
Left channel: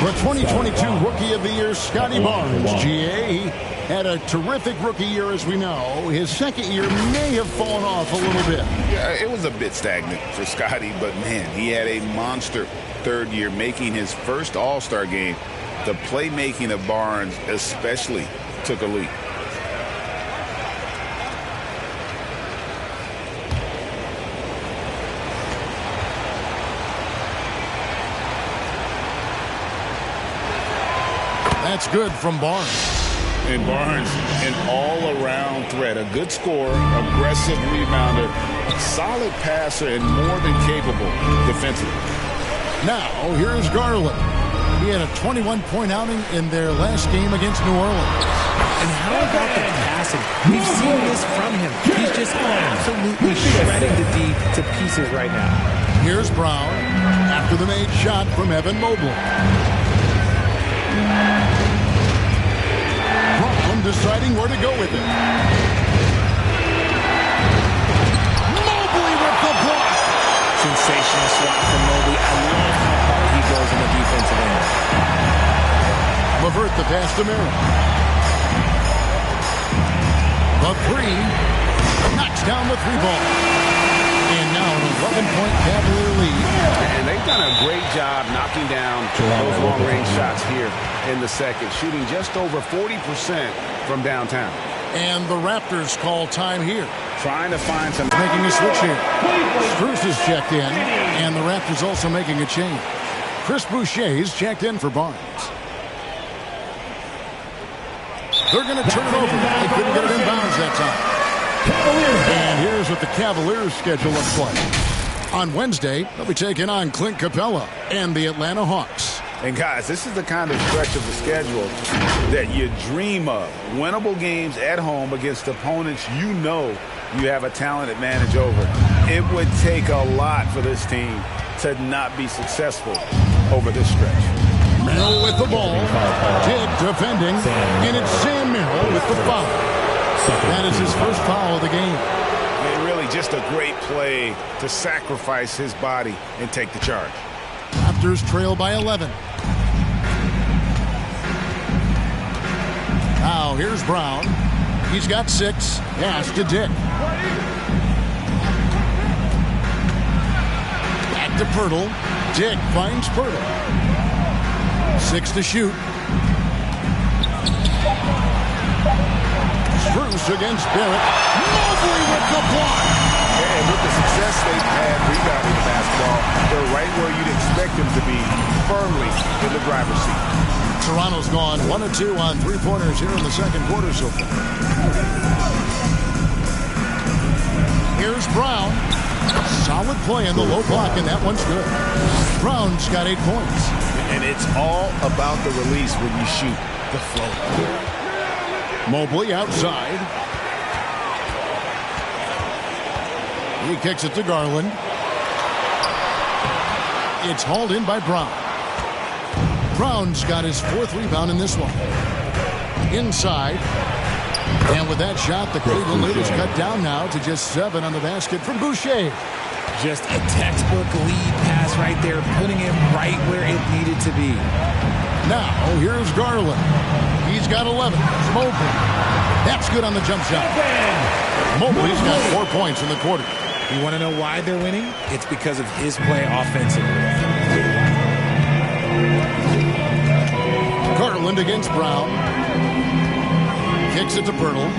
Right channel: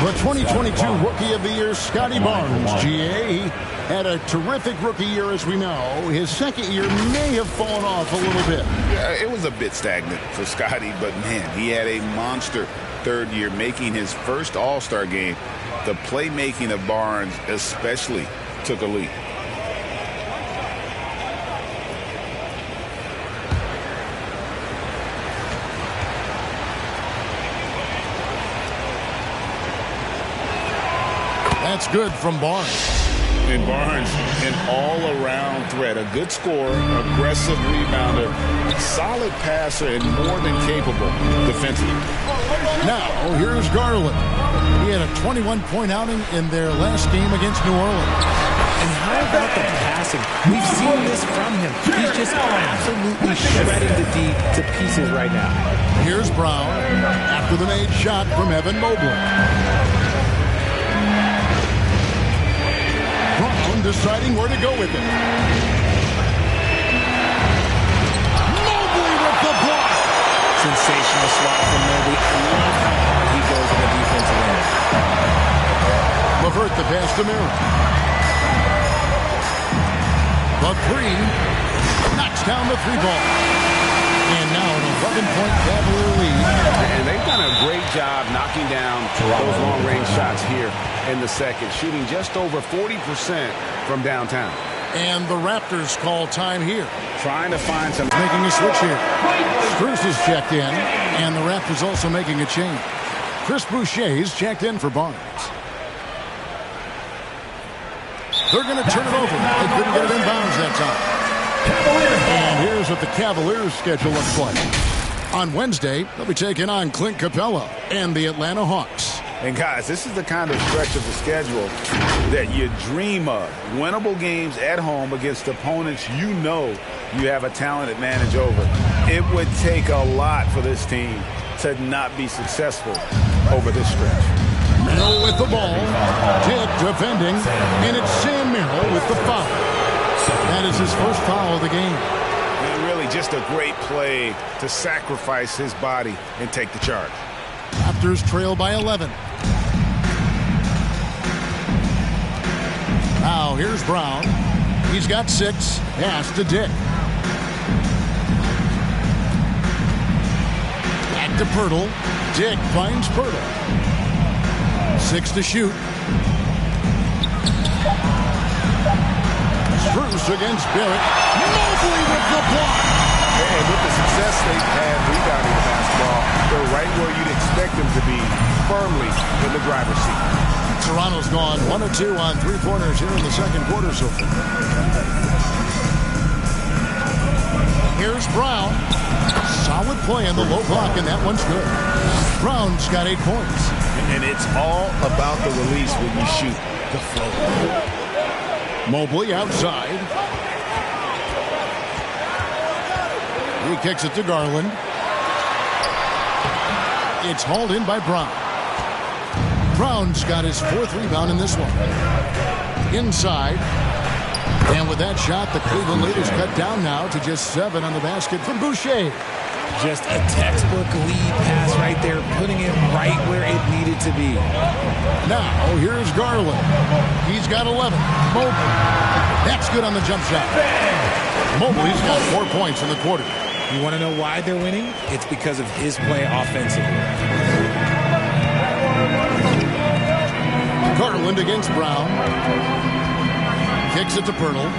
The 2022 Rookie of the Year, Scotty Barnes, GA, had a terrific rookie year, as we know. His second year may have fallen off a little bit. Yeah, it was a bit stagnant for Scotty, but man, he had a monster third year, making his first All-Star game. The playmaking of Barnes especially took a leap. That's good from Barnes. And Barnes, an all-around threat, a good scorer, aggressive rebounder, solid passer, and more than capable defensively. Now, here's Garland. He had a 21-point outing in their last game against New Orleans. And how about the passing? We've seen this from him. He's just absolutely shredding the D to pieces right now. Here's Brown after the made shot from Evan Mobley. Brown deciding where to go with it. Mobley with the block. Sensational swat from Mobley. I love how hard he goes in the defensive end. LeVert the pass to Merrill. The 3 knocks down the 3 ball. And now an 11-point Cavalier lead. And they've done a great job knocking down those long-range shots here in the second, shooting just over 40% from downtown. And the Raptors call time here. Trying to find some... Making a switch here. Strus is checked in, and the Raptors also making a change. Chris Boucher's checked in for Barnes. They're going to turn it over. They couldn't get it in bounds that time. And here's what the Cavaliers' schedule looks like. On Wednesday, they'll be taking on Clint Capella and the Atlanta Hawks. And guys, this is the kind of stretch of the schedule that you dream of. Winnable games at home against opponents you know you have a talented advantage over. It would take a lot for this team to not be successful over this stretch. Merrill with the ball. Dick defending. And it's Sam Merrill with the foul. That is his first foul of the game. And really just a great play to sacrifice his body and take the charge. Raptors trail by 11. Now here's Brown. He's got 6. Pass to Dick. Back to Pirtle. Dick finds Pirtle. 6 to shoot. Strus against Barrett. Mobley with the block. And with the success they've had rebounding the basketball, they're right where you'd expect them to be, firmly in the driver's seat. Toronto's gone 1 of 2 on three-pointers here in the second quarter so far. Here's Brown. Solid play in the low block, and that one's good. Brown's got 8 points. And it's all about the release when you shoot the float. Mobley outside. He kicks it to Garland. It's hauled in by Brown. Brown's got his 4th rebound in this one. Inside. And with that shot, the Cleveland lead is cut down now to just 7 on the basket from Boucher. Just a textbook lead pass right there, putting it right where it needed to be. Now, here's Garland. He's got 11. Mobley. That's good on the jump shot. Mobley's got 4 points in the quarter. You want to know why they're winning? It's because of his play offensively. Garland against Brown. Kicks it to Pirtle.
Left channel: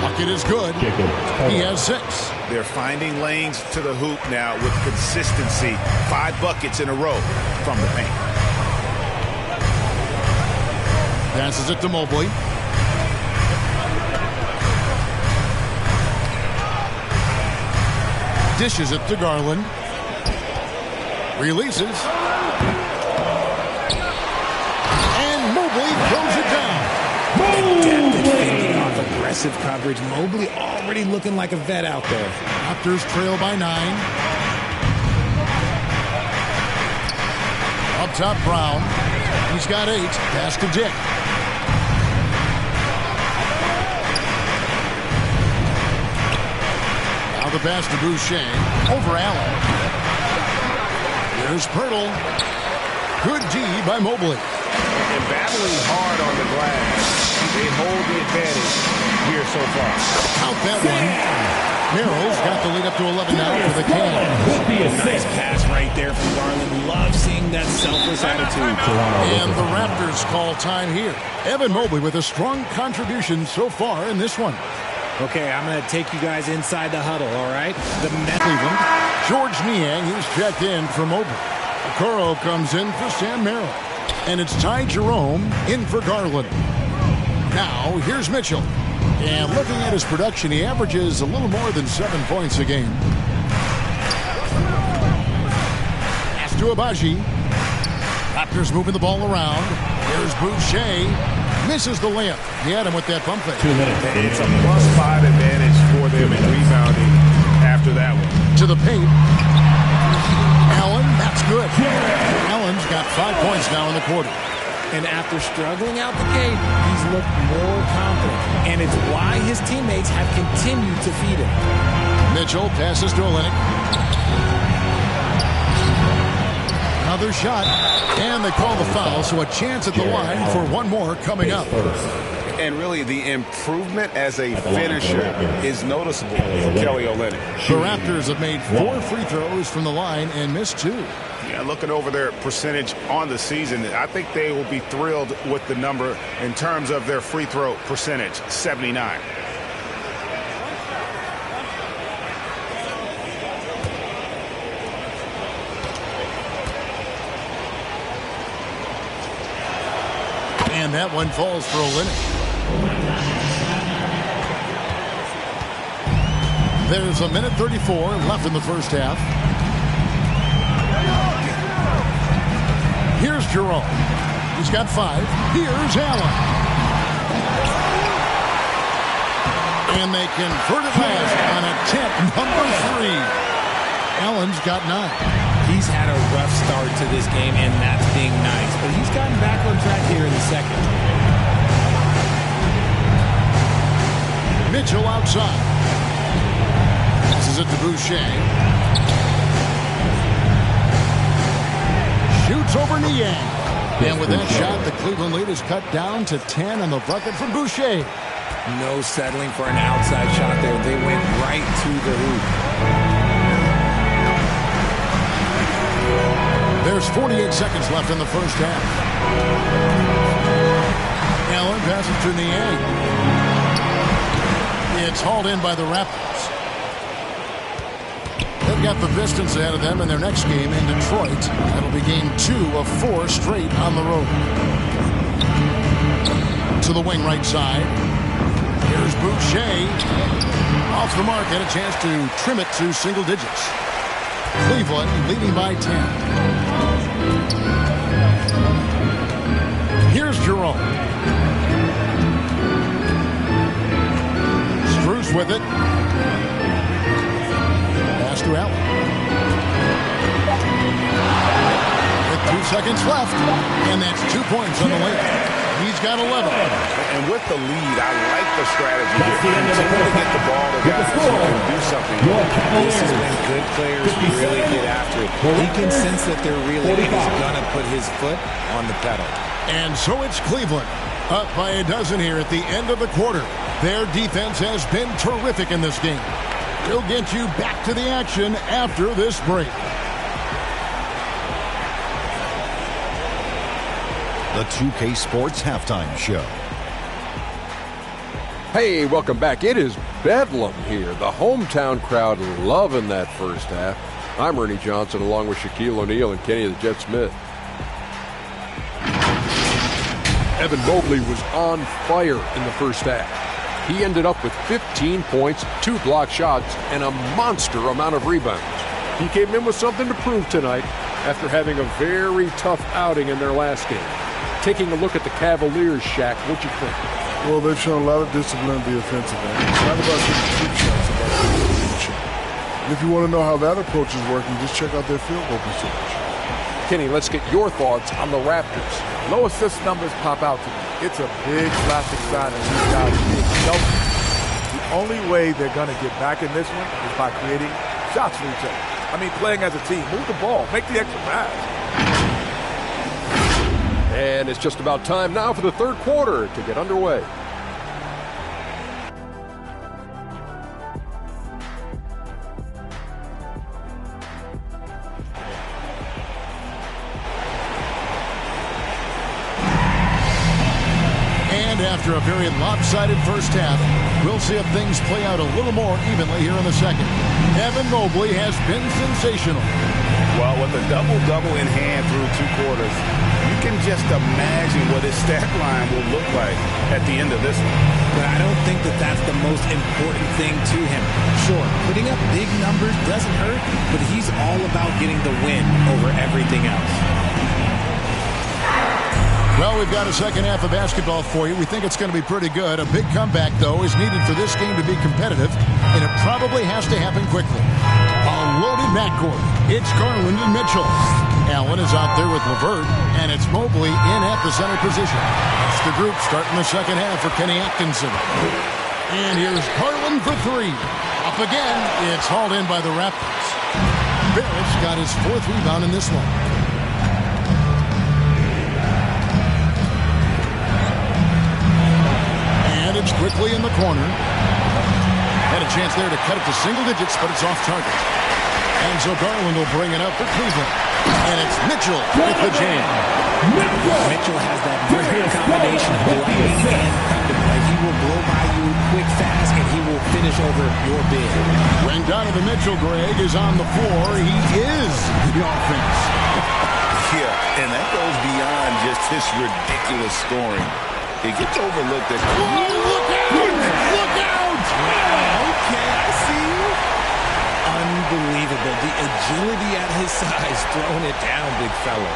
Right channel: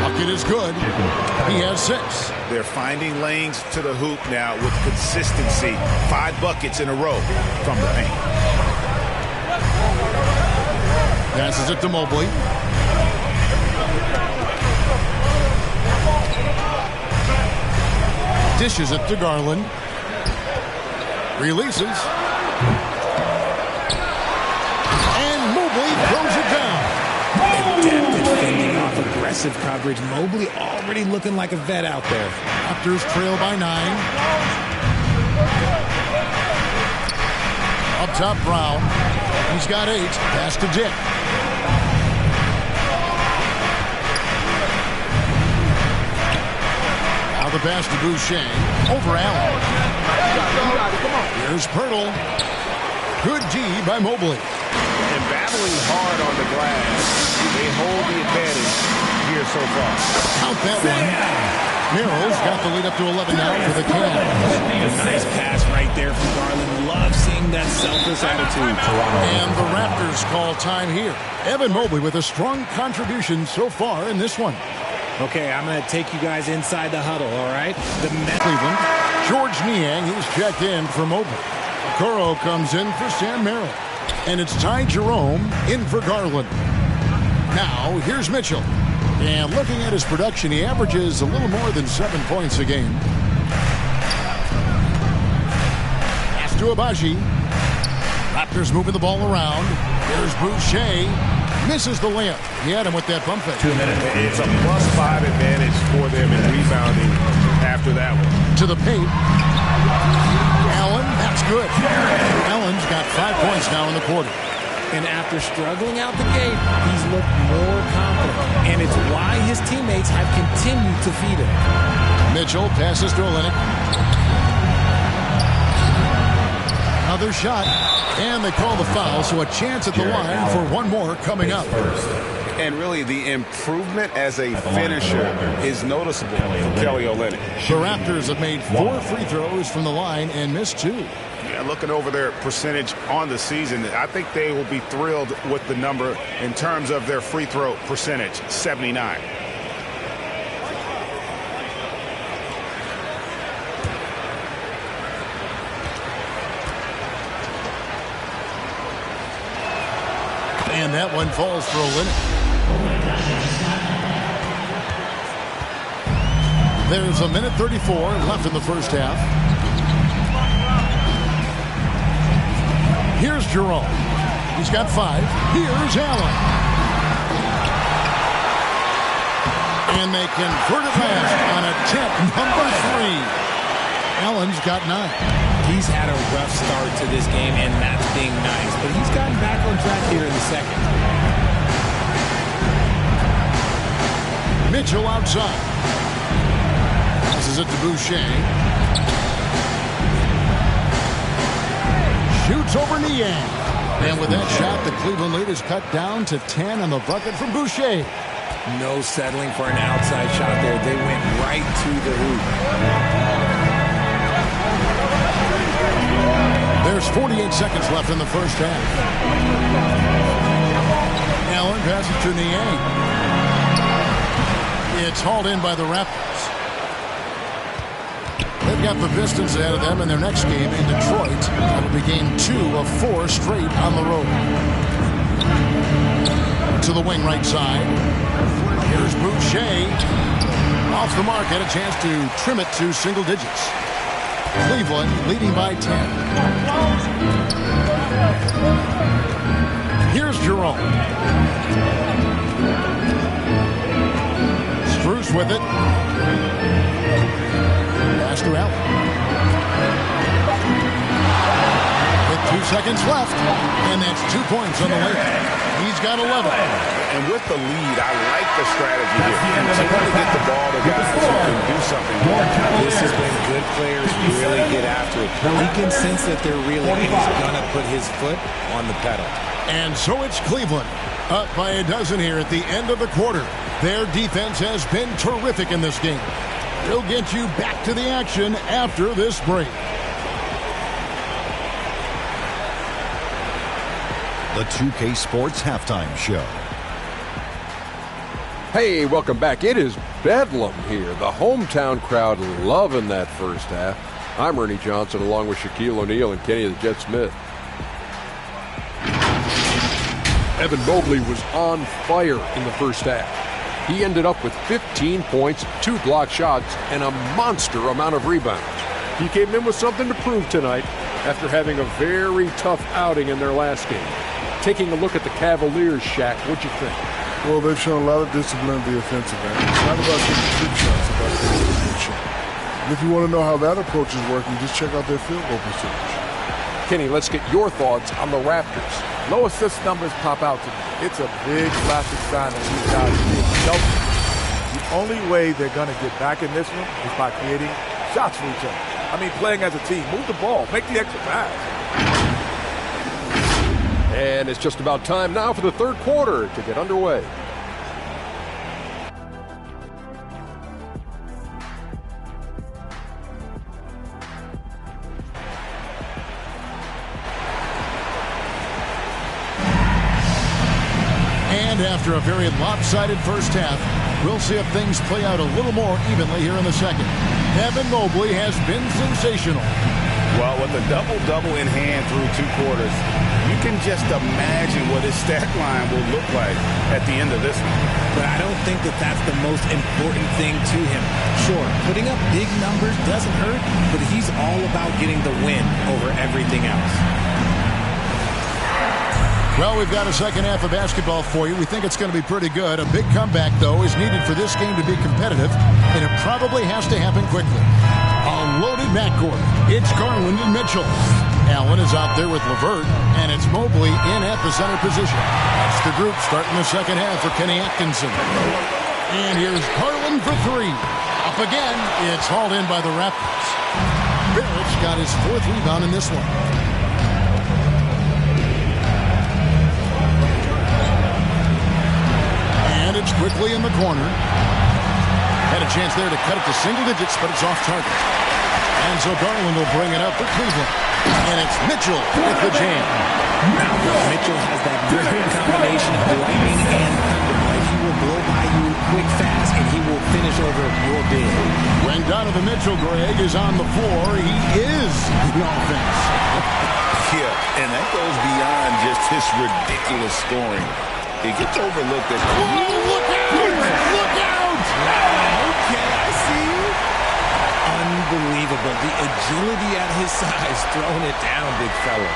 Bucket is good. He has 6. They're finding lanes to the hoop now with consistency. 5 buckets in a row from the paint. Passes it to Mobley. Dishes it to Garland. Releases. And Mobley throws it down. Adept at fending off aggressive coverage. Mobley already looking like a vet out there. Raptors trail by 9. Up top, Brown. He's got 8. Pass to Dick. Now the pass to Boucher. Over Allen. Here's Pirtle. Good D by Mobley. And battling hard on the glass, they hold the advantage here so far. Count that one. Merrill's got the lead up to 11 now for the Cavs. A nice pass right there from Garland. Love seeing that selfless attitude. And the Raptors call time here. Evan Mobley with a strong contribution so far in this one. Okay, I'm going to take you guys inside the huddle, all right? Cleveland. George Niang, he's checked in for Mobley. Okoro comes in for Sam Merrill. And it's Ty Jerome in for Garland. Now, here's Mitchell. And looking at his production, he averages a little more than 7 points a game. Pass to Abaji. Raptors moving the ball around. Here's Boucher. Misses the layup. He had him with that pump fake. 2 minutes. It's a +5 advantage for them in rebounding after that one. To the paint. Allen, that's good. Allen's got 5 points now in the quarter. And after struggling out the gate, he's looked more confident. And it's why his teammates have continued to feed him. Mitchell passes to Olynyk. Another shot. And they call the foul, so a chance at the line for one more coming up. And really, the improvement as a finisher is noticeable for Kelly Olynyk. The Raptors have made 4 free throws from the line and missed 2. Yeah, looking over their percentage on the season, I think they will be thrilled with the number in terms of their free throw percentage, 79. And that one falls for Olynyk. There's a minute 34 left in the first half. Here's Jerome. He's got 5. Here's Allen. And they convert it last on attempt number 3. Allen's got 9. He's had a rough start to this game, and that's being nice. But he's gotten back on track here in the second. Mitchell outside. Passes it to Boucher. Shoots over Niang. And with that shot, the Cleveland lead is cut down to 10 on the bucket from Boucher. No settling for an outside shot there. They went right to the hoop. There's 48 seconds left in the first half. Allen passes to Niang. It's hauled in by the Raptors. They've got the Pistons ahead of them in their next game in Detroit. That'll be game 2 of 4 straight on the road. To the wing right side. Here's Boucher. Off the mark, had a chance to trim it to single digits. Cleveland leading by 10. Here's Jerome. Strus with it. Pass to Allen. With 2 seconds left, and that's 2 points on the layup. He's got 11. And with the lead, I like the strategy here. Continue to get the ball to guys who can do something. This is when good players really get after it. He can sense that they're reeling, and he's going to put his foot on the pedal. And so it's Cleveland, up by a dozen here at the end of the quarter. Their defense has been terrific in this game. We'll get you back to the action after this break. The 2K Sports Halftime Show. Hey, welcome back. It is Bedlam here. The hometown crowd loving that first half. I'm Ernie Johnson along with Shaquille O'Neal and Kenny the Jet Smith. Evan Mobley was on fire in the first half. He ended up with 15 points, 2 block shots, and a monster amount of rebounds. He came in with something to prove tonight after having a very tough outing in their last game. Taking a look at the Cavaliers, Shaq, what'd you think? Well, they've shown a lot of discipline at the offensive end. It's not about getting cheap shots, it's about getting a deep shot. And if you want to know how that approach is working, just check out their field goal percentage. Kenny, let's get your thoughts on the Raptors. Low assist numbers pop out to me. It's a big plastic sign of these guys being selfish. The only way they're going to get back in this one is by creating shots for each other. I mean, playing as a team. Move the ball. Make the extra pass. And it's just about time now for the third quarter to get underway. And after a very lopsided first half, we'll see if things play out a little more evenly here in the second. Evan Mobley has been sensational. Well, with a double-double in hand through 2 quarters, you can just imagine what his stat line will look like at the end of this one. But I don't think that that's the most important thing to him. Sure, putting up big numbers doesn't hurt, but he's all about getting the win over everything else. Well, we've got a second half of basketball for you. We think it's going to be pretty good. A big comeback, though, is needed for this game to be competitive, and it probably has to happen quickly. A loaded backcourt. It's Garland and Mitchell. Allen is out there with LeVert, and it's Mobley in at the center position. That's the group starting the second half for Kenny Atkinson. And here's Garland for 3. Up again. It's hauled in by the Raptors. Barrett's got his 4th rebound in this one. And it's quickly in the corner. Had a chance there to cut it to single digits, but it's off target. And so Garland will bring it up for Cleveland. And it's Mitchell with the jam. Now, Mitchell has that rare combination of lightning and thunder. Like, he will blow by you quick, fast, and he will finish over your bid. When Donovan Mitchell, Greg, is on the floor, he is the offense. Yeah, and that goes beyond just his ridiculous scoring. It gets overlooked at... Whoa, look out! Look out! Okay, I see you. Unbelievable. The agility at his size, throwing it down, big fella.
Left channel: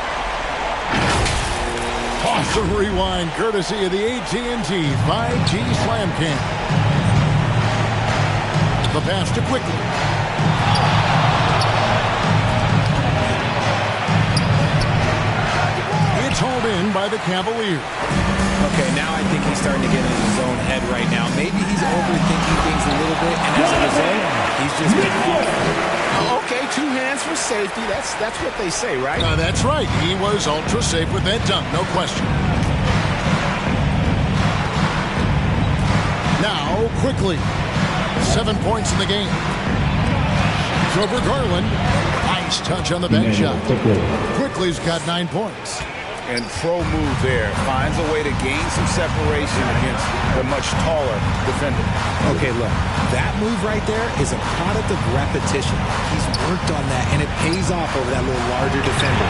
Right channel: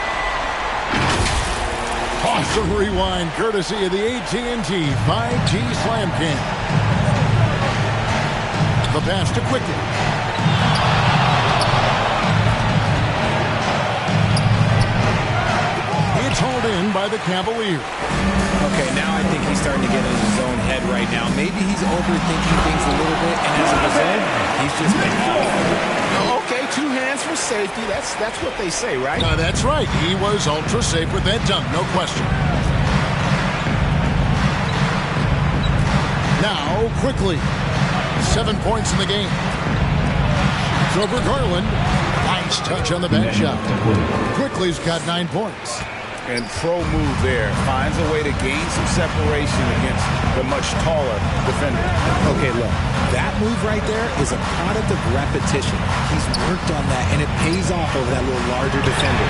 Awesome rewind, courtesy of the AT&T 5G Slam Cam. The pass to Quickly. It's hauled in by the Cavaliers. Okay, now I think he's starting to get in his own head right now. Maybe he's overthinking things a little bit, and as a result, he's just been off. Okay, 2 hands for safety. That's what they say, right? That's right. He was ultra safe with that dunk, no question. Now, Quickly. 7 points in the game. It's over Garland. Nice touch on the back shot. Quickly's got 9 points. And pro move there. Finds a way to gain some separation against the much taller defender. Okay, look, that move right there is a product of repetition. He's worked on that, and it pays off over that little larger defender.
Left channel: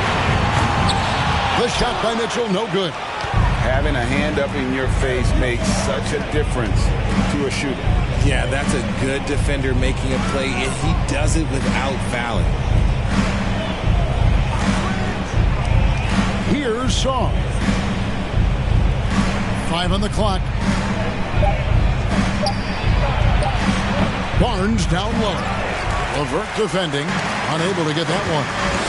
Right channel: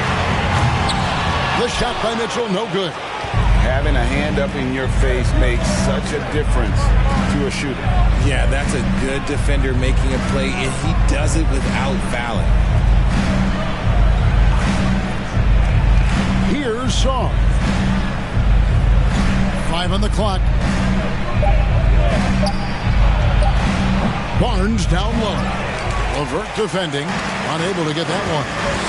The shot by Mitchell, no good. Having a hand up in your face makes such a difference to a shooter. Yeah, that's a good defender making a play, and he does it without fouling. Here's Song. 5 on the clock. Barnes down low. Levert defending, unable to get that one.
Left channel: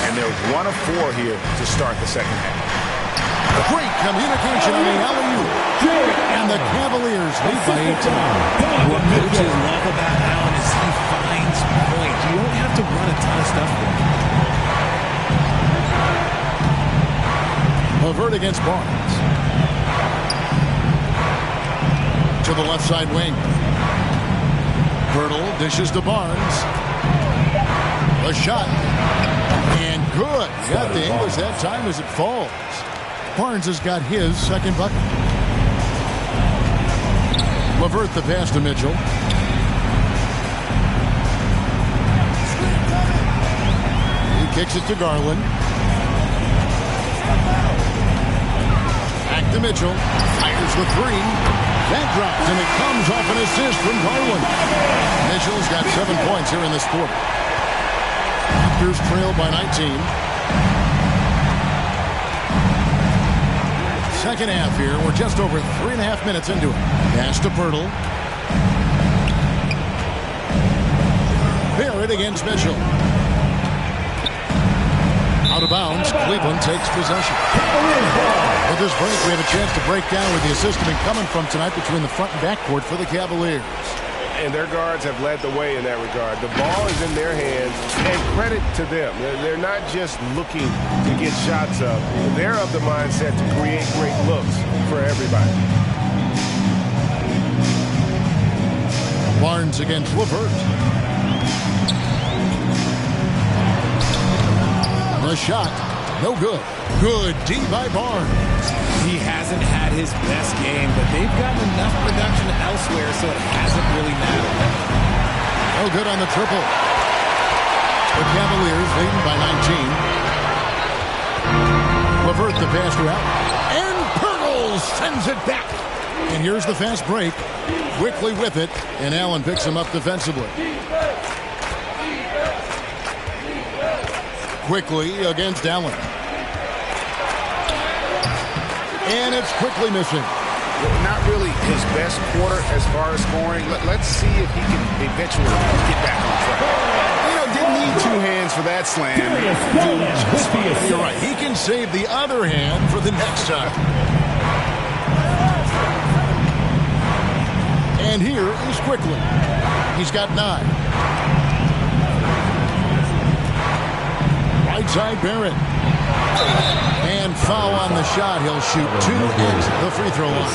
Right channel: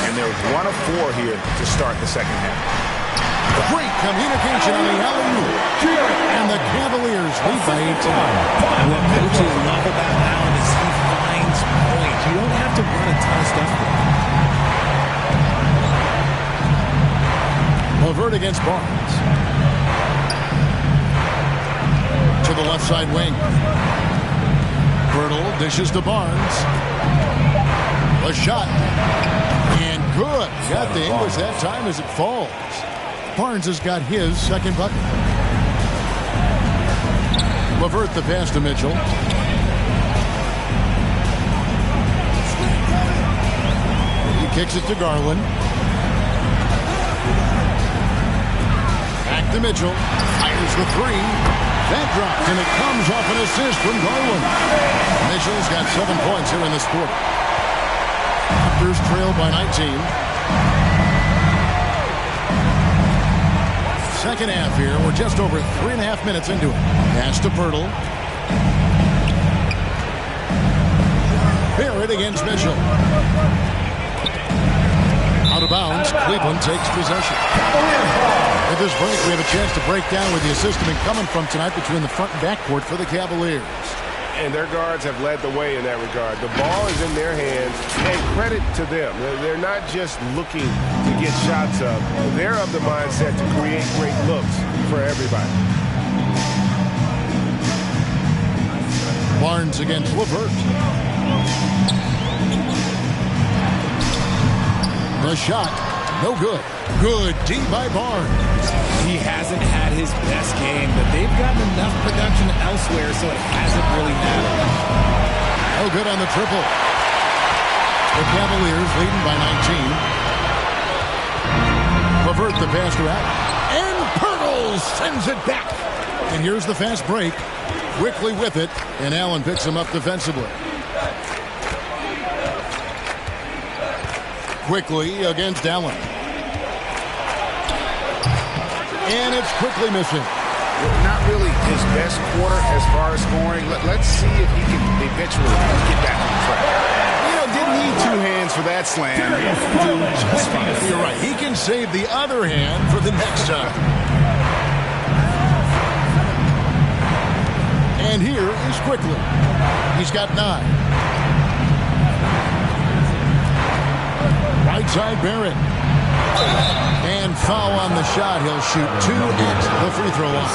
And they're 1 of 4 here to start the second half. Great communication on the alley-oop. And the Cavaliers lead by 18. What coaches love about Allen is he finds points. You don't have to run a ton of stuff for him. Levert against Barnes. To the left side wing. Bertle dishes to Barnes. A shot. And good. Got the English that time as it falls. Barnes has got his second bucket. Levert the pass to Mitchell. He kicks it to Garland. Back to Mitchell. Fires the three. That drops, and it comes off an assist from Garland. Mitchell's got 7 points here in this quarter. Raptors trail by 19. Second half here. We're just over 3.5 minutes into it. Pass to Bertle. Barrett against Mitchell. Out of bounds. Cleveland takes possession. With this break, we have a chance to break down with the assist coming from tonight between the front and back court for the Cavaliers. And their guards have led the way in that regard. The ball is in their hands, and credit to them. They're not just looking to get shots up. They're of the mindset to create great looks for everybody. Barnes against Levert. The shot, no good. Good D by Barnes. He hasn't had his best game, but they've gotten enough production elsewhere, so it hasn't really mattered. No good on the triple. The Cavaliers leading by 19. Levert the pass to Allen. And Pirtle sends it back. And here's the fast break. Quickly with it, and Allen picks him up defensively. Quickly against Allen. And it's quickly missing. Not really his best quarter as far as scoring. Let's see if he can eventually get back on track. You know, didn't need 2 hands for that slam. You're right. He can save the other hand for the next time. And here is Quickly. He's got 9. Right side Barrett. And foul on the shot. He'll shoot 2 at the free throw line.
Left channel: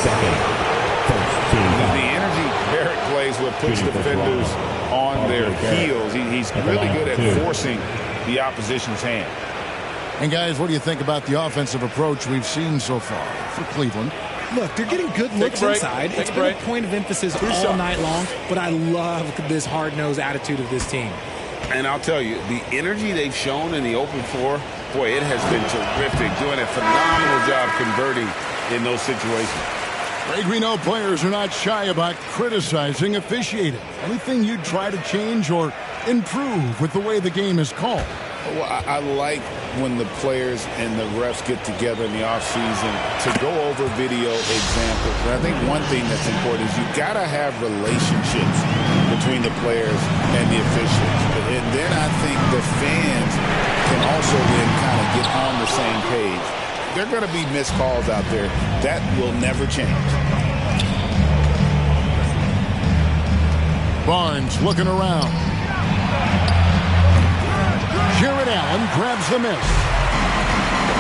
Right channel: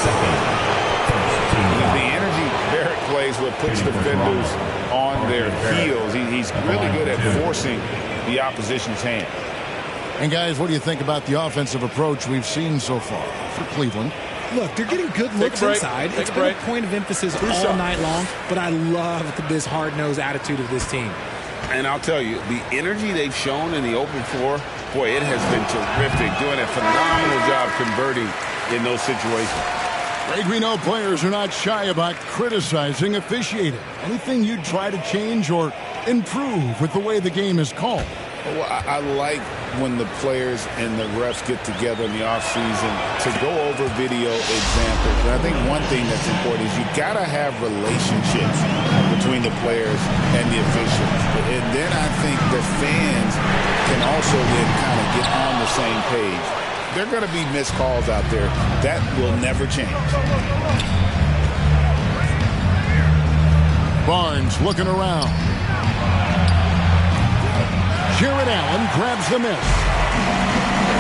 The energy Barrett plays with puts defenders on their heels. He's really good at forcing the opposition's hand. And guys, what do you think about the offensive approach we've seen so far for Cleveland? Look, they're getting good looks inside. It's been a point of emphasis all night long, but I love this hard-nosed attitude of this team. And I'll tell you, the energy they've shown in the open floor, boy, it has been terrific. Doing a phenomenal job converting in those situations. Greg, we know players are not shy about criticizing officiating. Anything you'd try to change or improve with the way the game is called? Well, I like when the players and the refs get together in the offseason to go over video examples. And I think one thing that's important is you got to have relationships between the players and the officials. And then I think the fans can also then kind of get on the same page. There are going to be missed calls out there. That will never change. Barnes looking around. Jared Allen grabs the miss.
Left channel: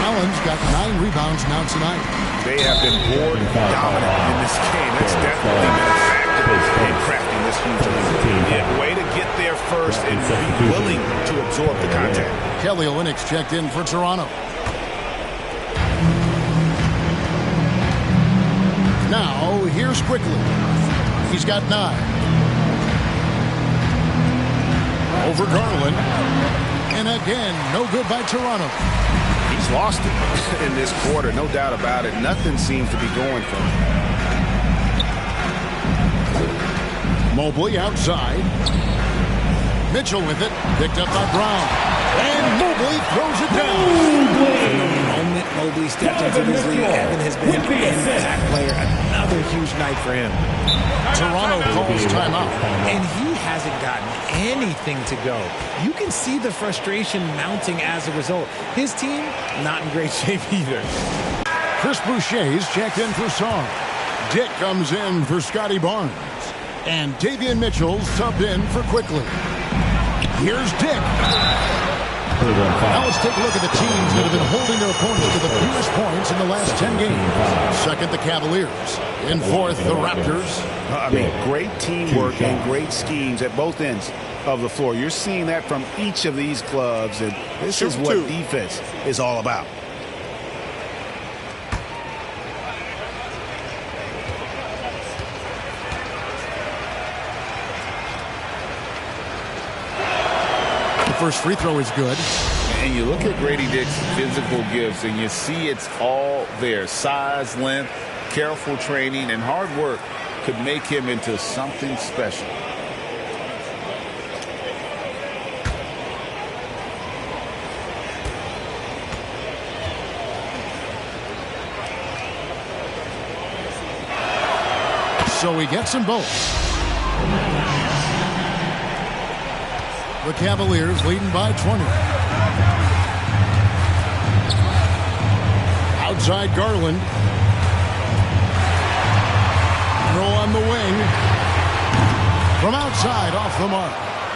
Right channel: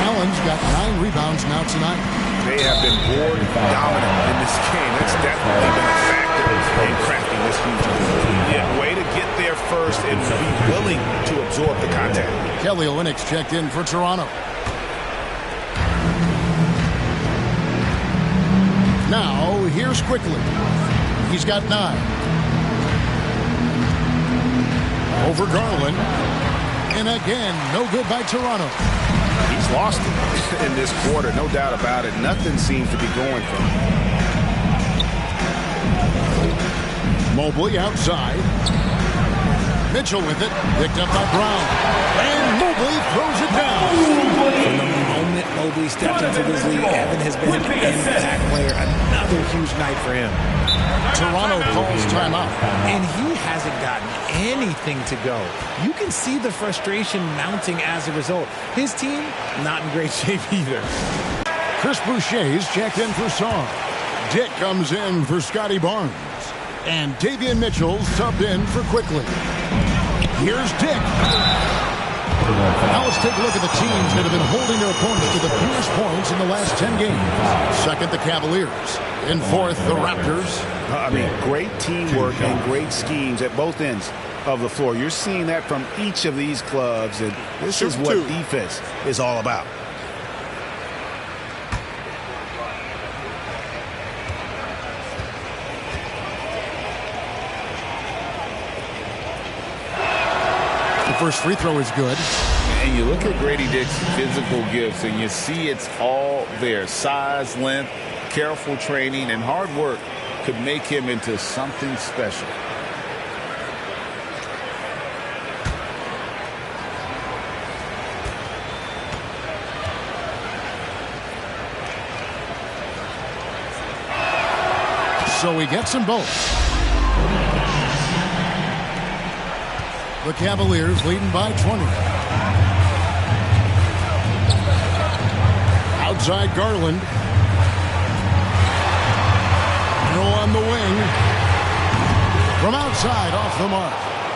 Allen's got 9 rebounds now tonight. They have been board dominant in this game. That's definitely been a factor in crafting this huge lead. Yeah, way to get there first and be willing to absorb the contact. Kelly Olynyk checked in for Toronto. Now, here's Quickly. He's got 9. Over Garland. And again, no good by Toronto. He's lost it in this quarter, no doubt about it. Nothing seems to be going for him. Mobley outside. Mitchell with it. Picked up by Brown. And Mobley throws it down. From the moment Mobley stepped into this league, Evan has been an impact player. Another huge night for him. Toronto calls timeout. And he hasn't gotten anything to go. You can see the frustration mounting as a result. His team, not in great shape either. Chris Boucher's checked in for Song. Dick comes in for Scotty Barnes. And Davion Mitchell's subbed in for Quickly. Here's Dick. Now let's take a look at the teams that have been holding their opponents to the fewest points in the last 10 games. Second, the Cavaliers. In fourth, the Raptors. Great teamwork and great schemes at both ends of the floor. You're seeing that from each of these clubs, and this is what defense is all about. First free throw is good. And you look at Grady Dick's physical gifts, and you see it's all there. Size, length, careful training, and hard work could make him into something special. So he gets them both. The Cavaliers leading by 20. Outside Garland. Throw on the wing. From outside, off the mark.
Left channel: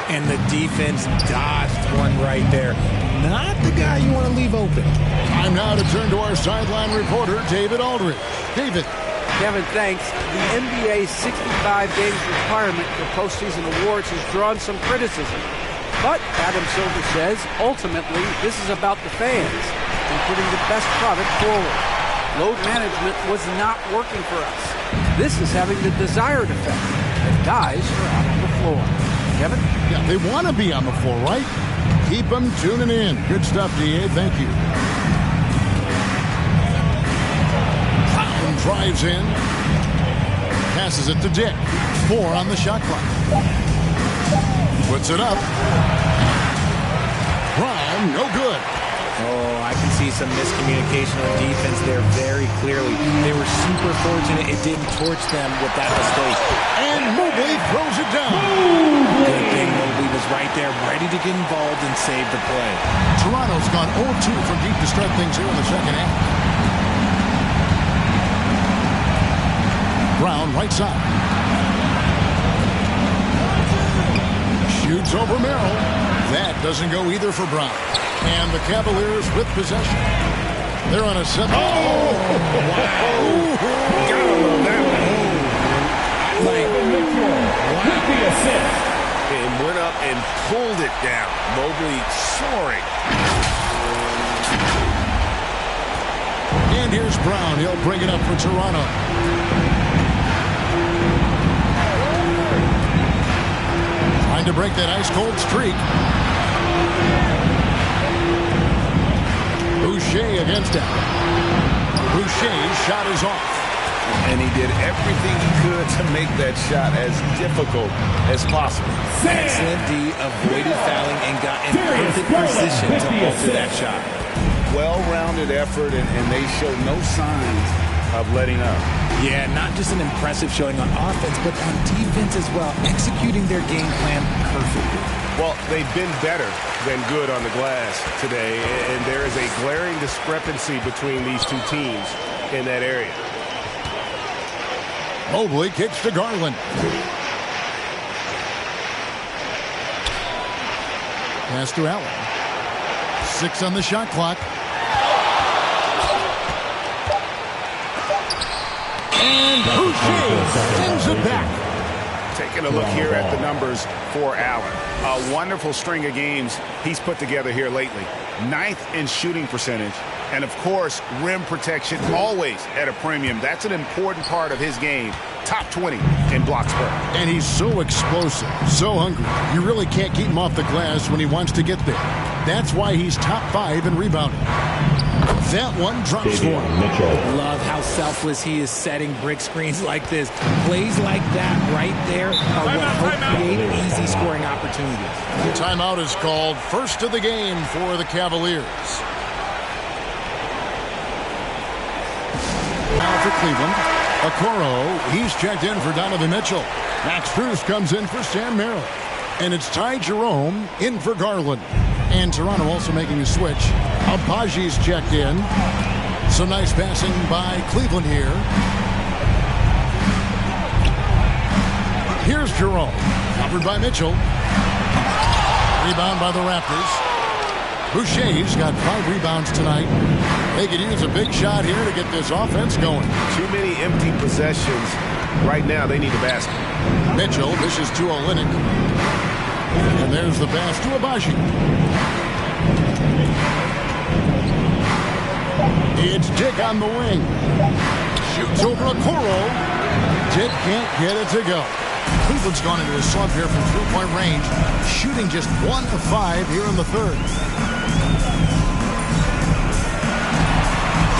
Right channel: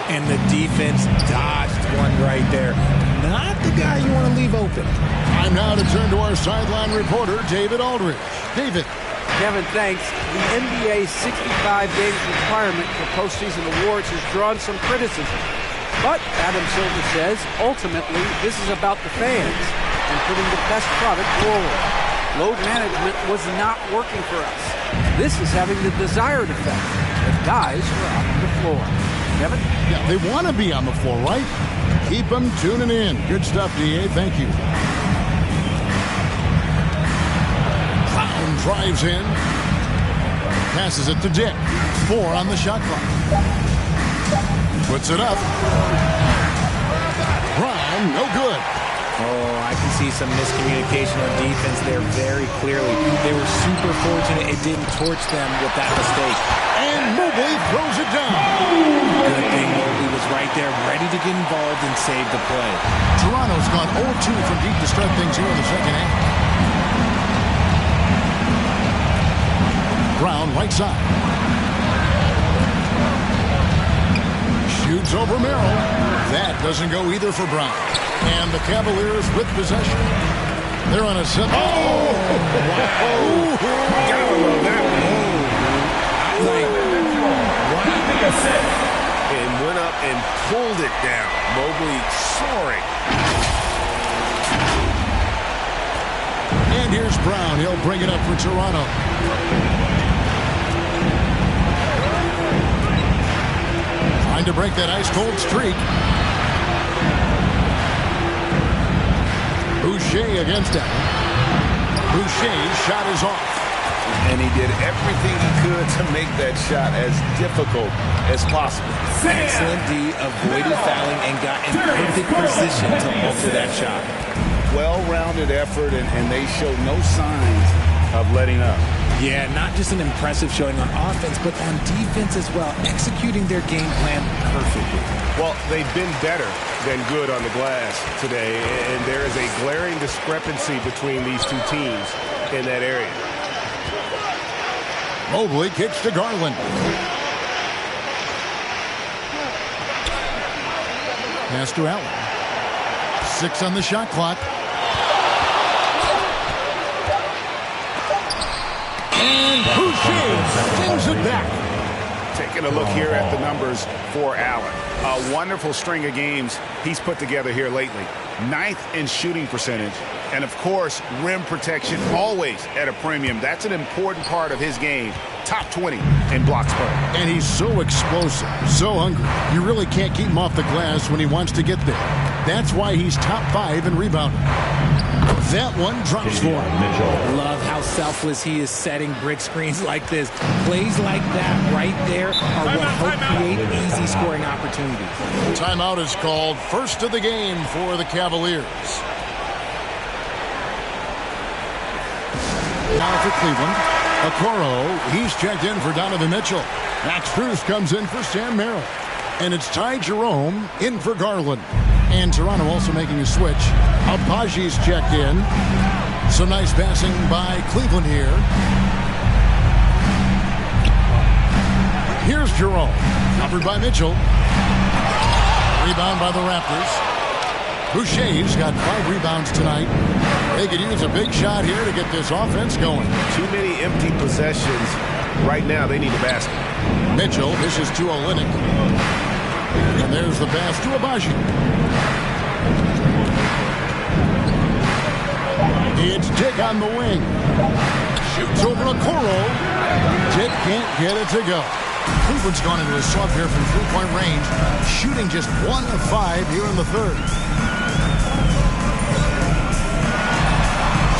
And the defense dodged one right there. Not the guy you want to leave open. Time now to turn to our sideline reporter, David Aldridge. David. Kevin, thanks. The NBA's 65 games requirement for postseason awards has drawn some criticism. But, Adam Silver says, ultimately, this is about the fans and putting the best product forward. Load management was not working for us. This is having the desired effect if guys are out on the floor. Kevin? Yeah, they want to be on the floor, right? Keep them tuning in. Good stuff, D.A. Thank you. Brown drives in. Passes it to Dick. 4 on the shot clock. Puts it up. Brown, no good. Oh, I can see some miscommunication on defense there very clearly. They were super fortunate it didn't torch them with that mistake. And Mobley throws it down. Good thing Mobley was right there, ready to get involved and save the play. Toronto's gone 0-2 from deep to start things here in the second half. Brown, right side. Shoots over Merrill. That doesn't go either for Brown. And the Cavaliers with possession. They're on a 7. Oh! Wow. Gotta love that one. Wow. And went up and pulled it down. Mobley soaring. And here's Brown. He'll bring it up for Toronto. Trying to break that ice-cold streak. Boucher against Allen. Boucher's shot is off. And he did everything he could to make that shot as difficult as possible. Excellent D, avoided fouling and got in perfect position to alter that shot. Well-rounded effort, and they showed no signs of letting up. Yeah, not just an impressive showing on offense, but on defense as well, executing their game plan perfectly. Well, they've been better than good on the glass today, and there is a glaring discrepancy between these two teams in that area. Mobley kicks to Garland. Pass to Allen. 6 on the shot clock. And Boucher sends it back. Taking a look here at the numbers for Allen. A wonderful string of games he's put together here lately. 9th in shooting percentage, And, of course, rim protection always at a premium. That's an important part of his game. Top 20 in blocks per. And he's so explosive, so hungry. You really can't keep him off the glass when he wants to get there. That's why he's top 5 in rebounding. That one drops for him. Mitchell. Love how selfless he is setting brick screens like this. Plays like that right there are what help create easy scoring opportunities. Timeout is called. First of the game for the Cavaliers. Now for Cleveland. Okoro, he's checked in for Donovan Mitchell. Max Strus comes in for Sam Merrill. And it's Ty Jerome in for Garland. And Toronto also making a switch. Abaji's checked in. Some nice passing by Cleveland here. Here's Jerome. Covered by Mitchell. Rebound by the Raptors. Boucher's got 5 rebounds tonight. They could use a big shot here to get this offense going. Too many empty possessions. Right now, they need a basket. Mitchell, this is to Olynyk. And there's the pass to Abaji. It's Dick on the wing. Shoots over Okoro. Dick can't get it to go. Cleveland's gone into a slump here from three-point range, shooting just 1 of 5 here in the third.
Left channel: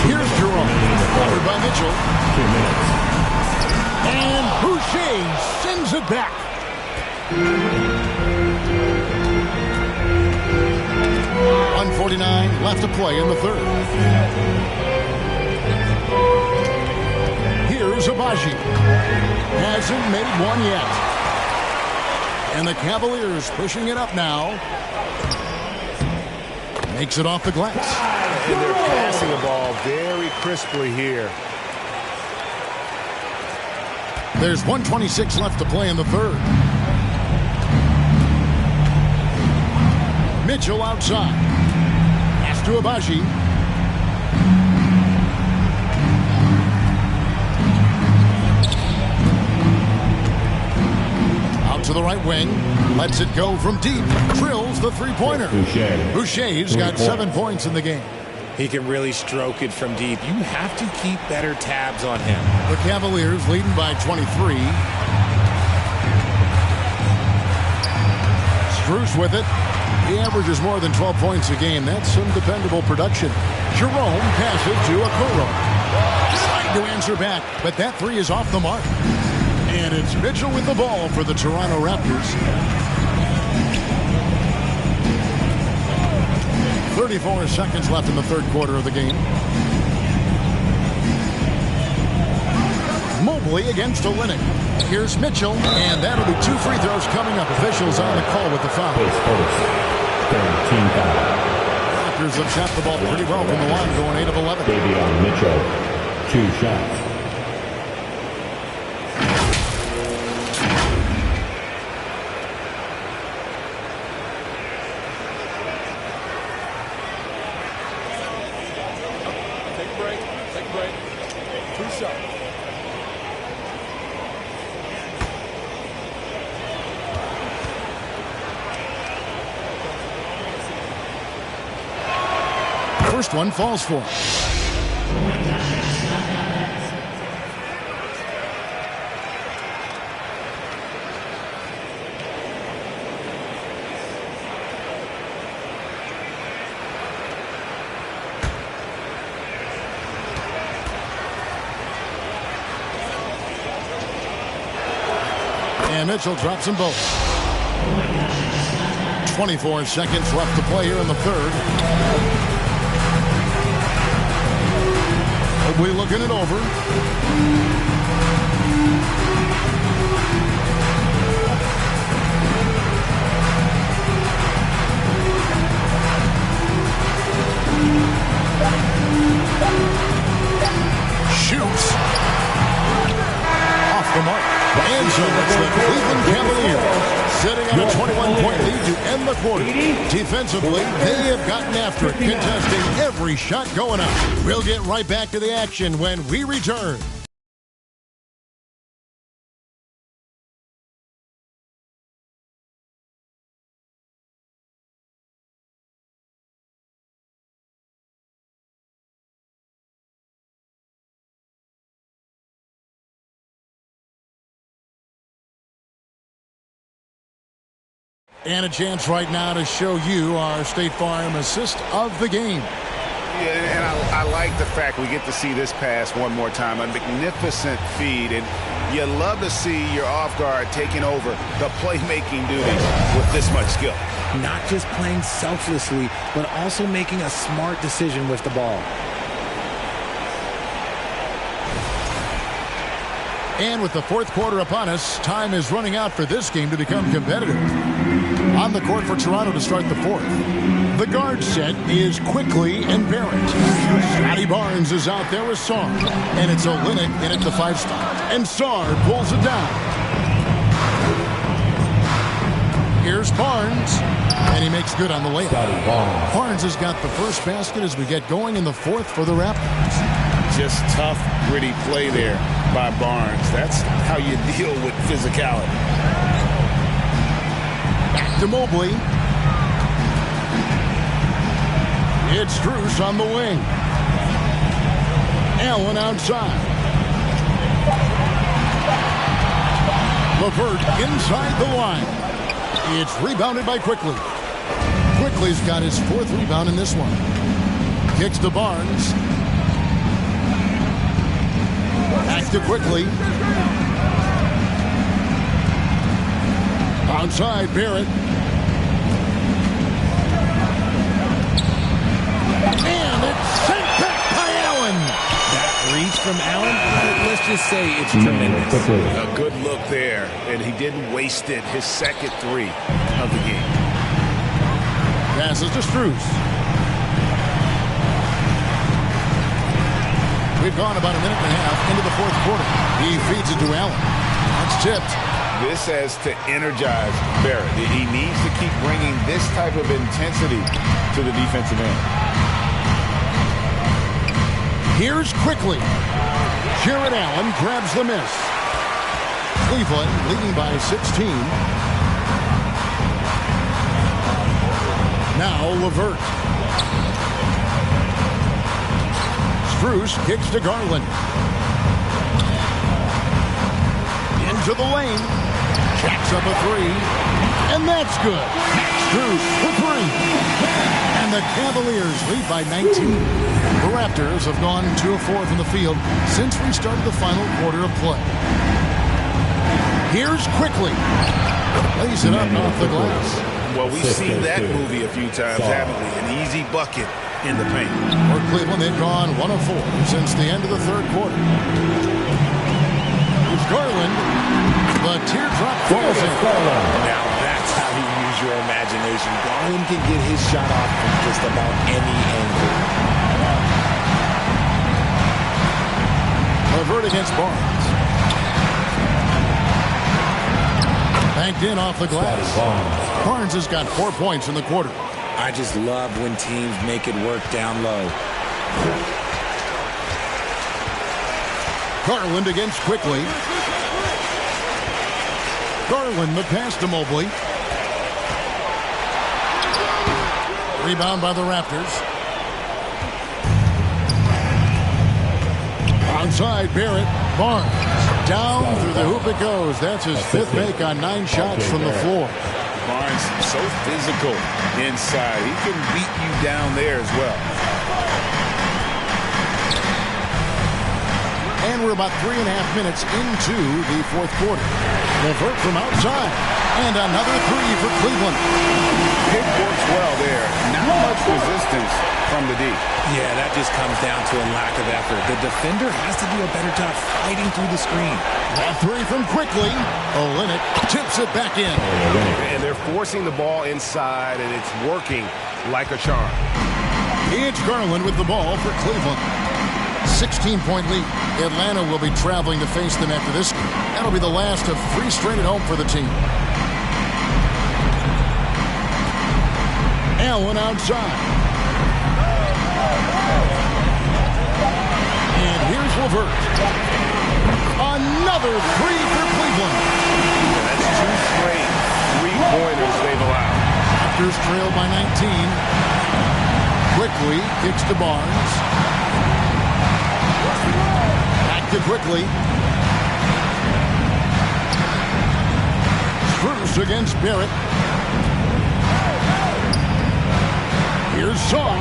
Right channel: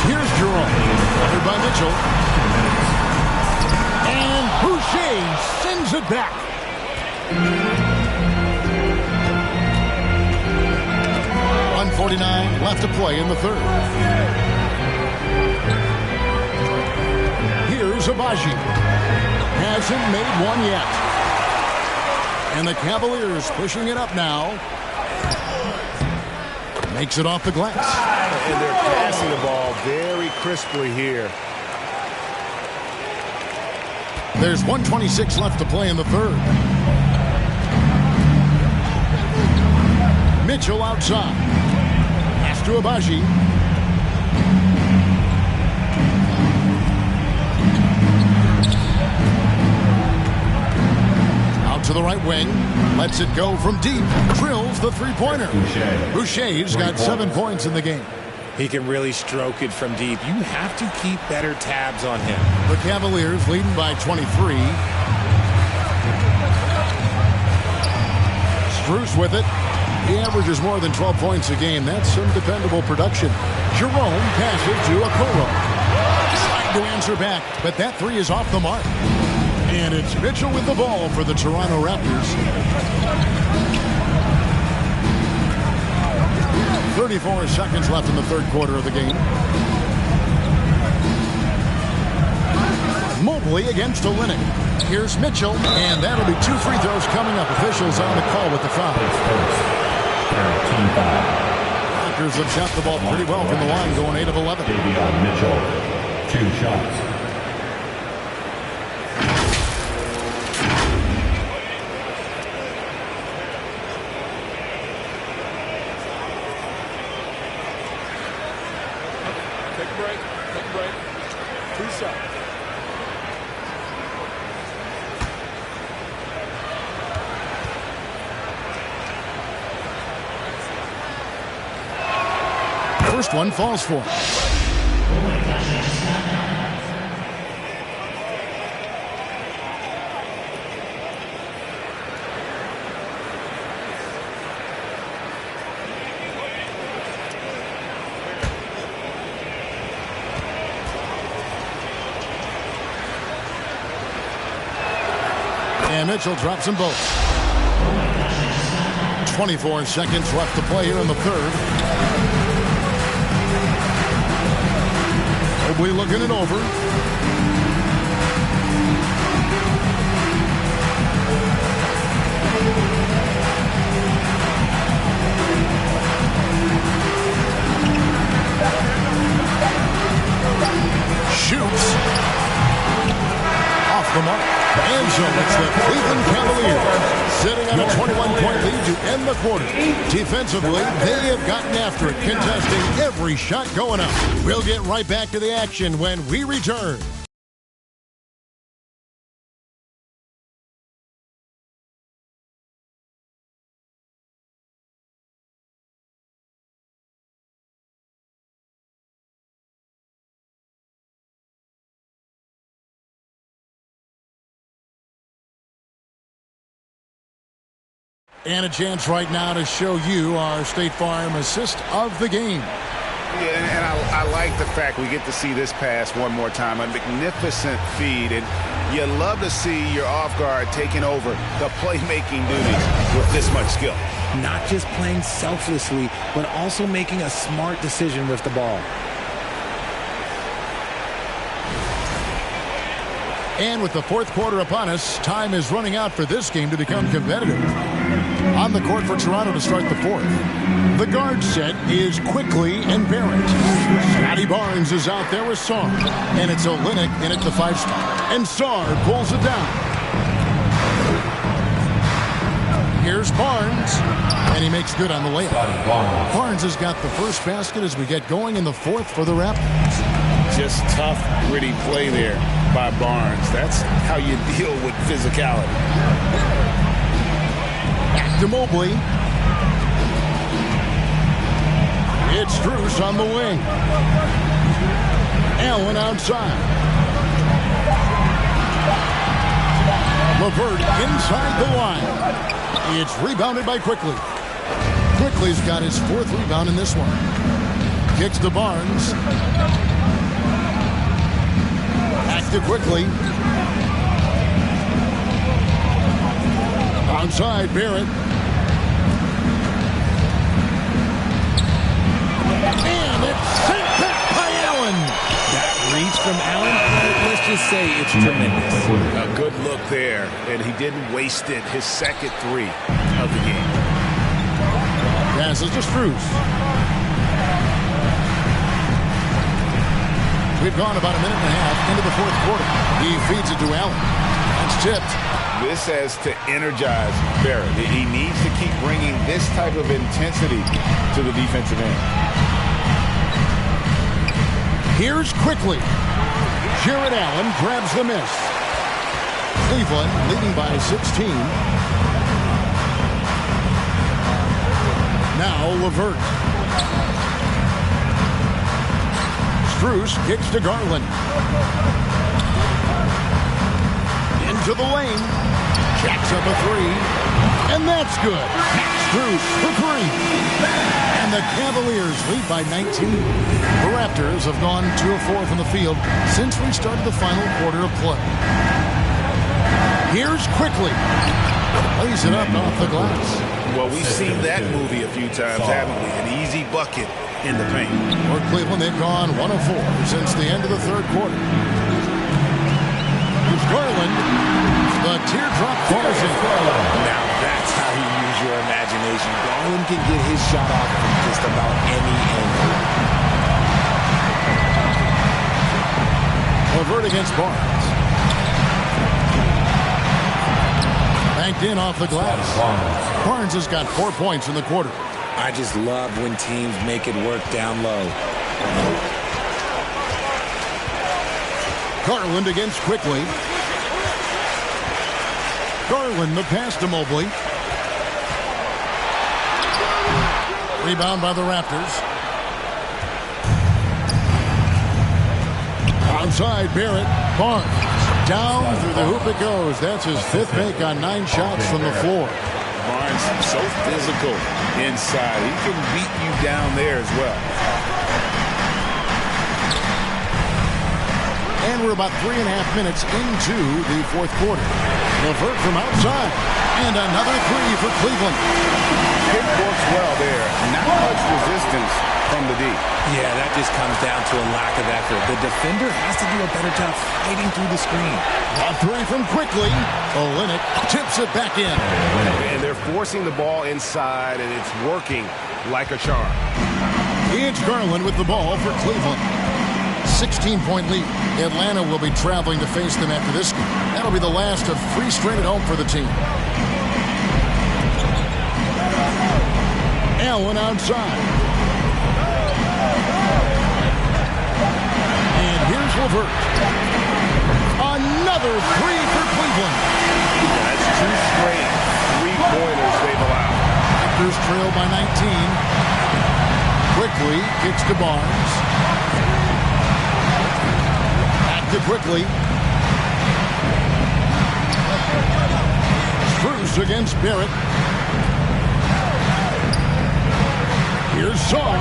Here's Jerome, covered by Mitchell. 2 minutes. And Boucher sends it back. .149 left to play in the third. Here's Abaji. Hasn't made one yet. And the Cavaliers pushing it up now. Makes it off the glass. And they're passing the ball very crisply here. There's 1:26 left to play in the third. Mitchell outside. Pass to Abaji. Out to the right wing. Lets it go from deep. Drills the three-pointer. Boucher's got 7 points in the game. He can really stroke it from deep. You have to keep better tabs on him. The Cavaliers leading by 23. Strus with it. He averages more than 12 points a game. That's some dependable production. Jerome passes to Okoro. Trying to answer back, but that 3 is off the mark. And it's Mitchell with the ball for the Toronto Raptors. 34 seconds left in the third quarter of the game. Mobley against Olynyk. Here's Mitchell, and that'll be 2 free throws coming up. Officials on the call with the foul. His first. Team foul. Raptors have shot the ball pretty well from the line, going 8 of 11. Davion Mitchell, 2 shots. Take a break. Take a break. 2 shots. First one falls for him. And Mitchell drops them both. 24 seconds left to play here in the third. Mobley looking it over. Shoots. Off the mark. And so it's the Cleveland Cavaliers sitting on a 21-point lead to end the quarter. Defensively, they have gotten after it, contesting every shot going up. We'll get right back to the action when we return. And a chance right now to show you our State Farm assist of the game. Yeah, and I like the fact we get to see this pass one more time. A magnificent feed, and you love to see your off guard taking over the playmaking duties with this much skill. Not just playing selflessly, but also making a smart decision with the ball. And with the fourth quarter upon us, time is running out for this game to become competitive. On the court for Toronto to start the fourth. The guard set is Quickly and Barrett. Scotty Barnes is out there with Sarr. And it's Olynyk in at the 5 spot. And Sarr pulls it down. Here's Barnes. And he makes good on the layup. Barnes has got the first basket as we get going in the fourth for the Raptors. Just tough, gritty play there by Barnes. That's how you deal with physicality. Back to Mobley. It's Strus on the wing. Allen outside. LeVert inside the line. It's rebounded by Quickly. Quickly's got his 4th rebound in this one. Kicks to Barnes. Back to Quickly. Outside Barrett. And it's sent back by Allen. That reach from Allen, let's just say it's tremendous. A good look there, and he didn't waste it. His second 3 of the game. Passes to Strus. We've gone about a minute and a half into the fourth quarter. He feeds it to Allen. That's tipped. This has to energize Barrett. He needs to keep bringing this type of intensity to the defensive end. Here's Quickly. Jared Allen grabs the miss. Cleveland leading by 16. Now LeVert. Strus kicks to Garland. Into the lane. Jacks up a 3. And that's good. Strus for 3. And the Cavaliers lead by 19. The Raptors have gone 2 of 4 from the field since we started the final quarter of play. Here's Quickly. Lays it up off the glass. Well, we've seen that movie a few times, haven't we? An easy bucket in the paint. For Cleveland, they've gone 1 of 4 since the end of the third quarter. Here's Garland. The teardrop falls in. Now that's how you use your imagination. Garland can get his shot off from just about any angle. LeVert against Barnes. Banked in off the glass. Barnes has got 4 points in the quarter. I just love when teams make it work down low. Garland against Quickly. Garland the pass to Mobley. Rebound by the Raptors. Outside Barrett. Barnes. Down through the hoop it goes. That's his 5th make on 9 shots from the floor. Barnes so physical inside. He can beat you down there as well. And we're about 3.5 minutes into the fourth quarter. LeVert from outside. And another 3 for Cleveland. Pick works well there. Not much resistance from the D. Yeah, that just comes down to a lack of effort. The defender has to do a better job fighting through the screen. A 3 from Quickly. Olynyk tips it back in. And they're forcing the ball inside, and it's working like a charm. It's Garland with the ball for Cleveland. 16-point lead. Atlanta will be traveling to face them after this game. That'll be the last of 3 straight at home for the team. Allen outside. And here's LeVert. Another 3 for Cleveland. Yeah, that's 2 straight 3-pointers they've allowed. Raptors trail by 19. Quickly kicks to Barnes. Back to Quickly. Strus against Barrett. Here's Saar.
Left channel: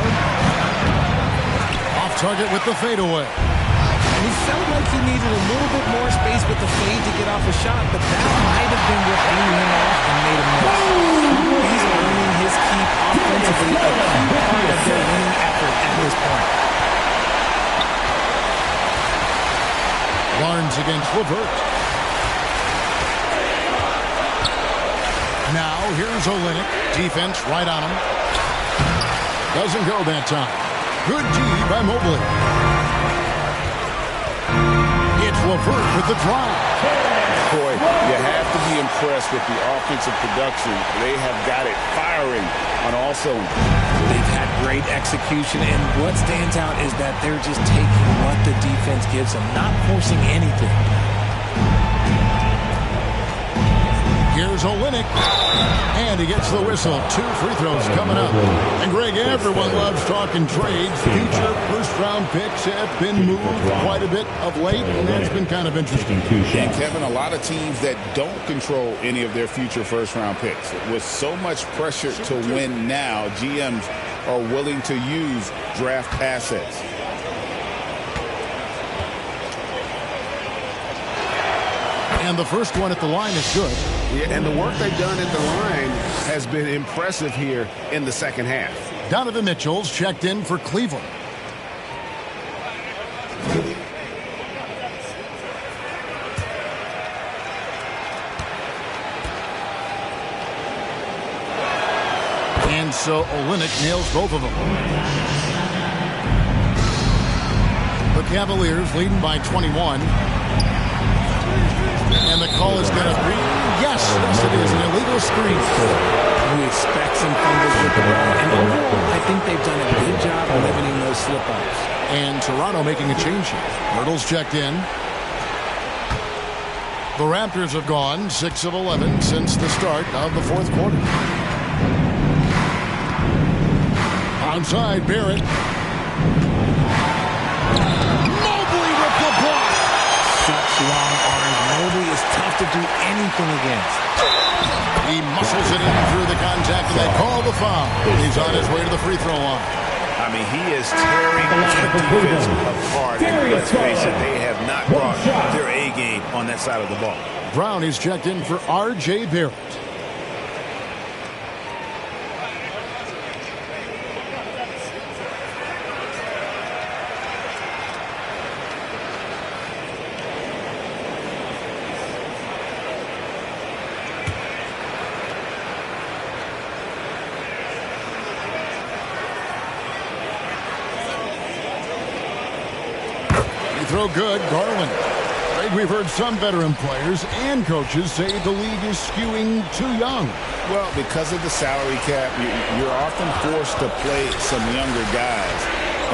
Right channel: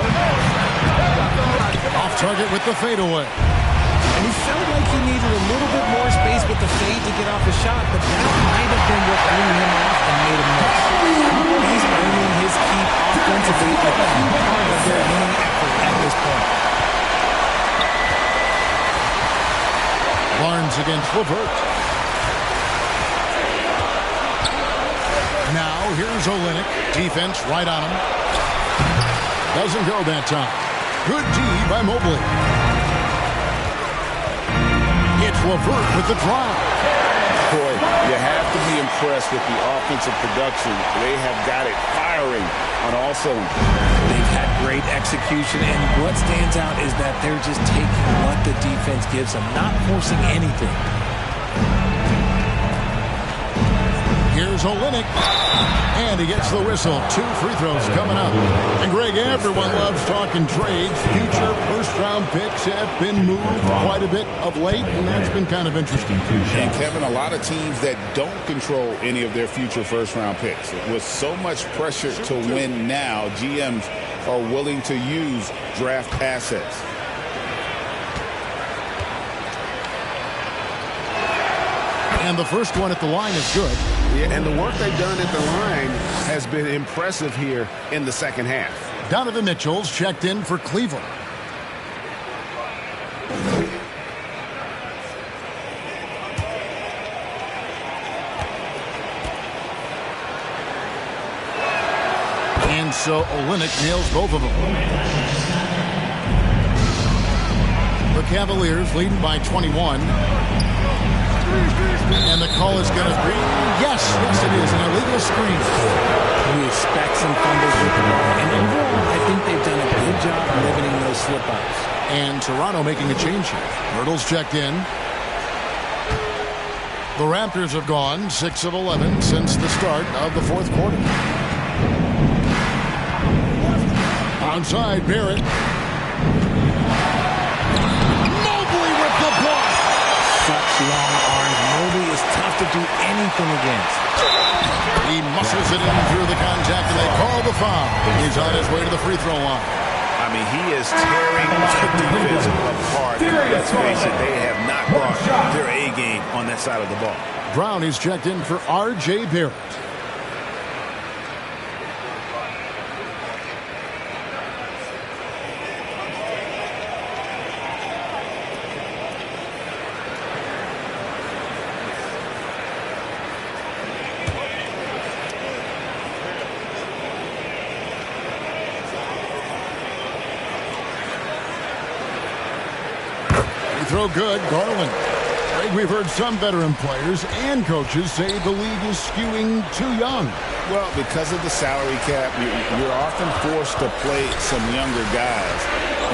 Off target with the fadeaway. And he felt like he needed a little bit more space with the fade to get off a shot, but that might have been what threw him off and made him miss. He's earning his keep offensively, a key part of their winning effort at this point. Barnes against LeVert. Now here's Olynyk. Defense right on him. Doesn't go that time. Good D by Mobley. It's LeVert with the drive. Boy, you have to be impressed with the offensive production. They have got it firing on all cylinders. They've had great execution, and what stands out is that they're just taking what the defense gives them, not forcing anything. Here's Olynyk. And he gets the whistle. 2 free throws coming up. And Greg, everyone loves talking trades. Future first-round picks have been moved quite a bit of late, and that's been kind of interesting. And Kevin, a lot of teams that don't control any of their future first-round picks. With so much pressure to win now, GMs are willing to use draft assets. And the first one at the line is good. Yeah, and the work they've done at the line has been impressive here in the second half. Donovan Mitchell's checked in for Cleveland. And so Olynyk nails both of them. The Cavaliers leading by 21. And the call is going to be, yes, it is, an illegal screen. You expect some fumbles with the ball, and overall, I think they've done a good job limiting those slip-ups. And Toronto making a change here. Hurdle's checked in. The Raptors have gone 6 of 11 since the start of the fourth quarter. Outside, Barrett. Mobley with the block. Such long arms. Mobley is tough to do anything against. He muscles it in through the contact, and they call the foul. He's on his way to the free throw line. I mean, he is tearing the defense apart. And let's face it, they have not brought their A game on that side of the ball. Brown is checked in for R.J. Barrett. Throw good, Garland. Greg, we've heard some veteran players and coaches say the league is skewing too young. Well, because of the salary cap, you're often forced to play some younger guys,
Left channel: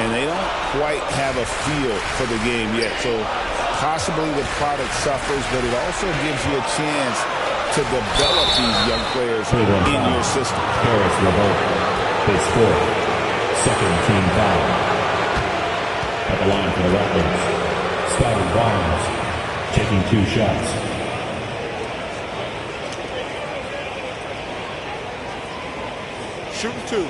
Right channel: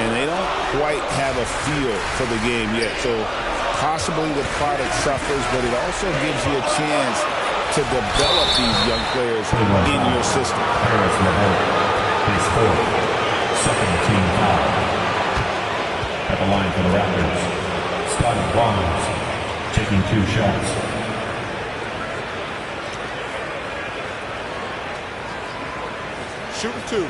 and they don't quite have a feel for the game yet. So possibly the product suffers, but it also gives you a chance to develop these young players in your system. Paris LeVert, his 4th, second team foul. At the line for the Raptors, Scotty Barnes taking 2 shots. Shoot 2.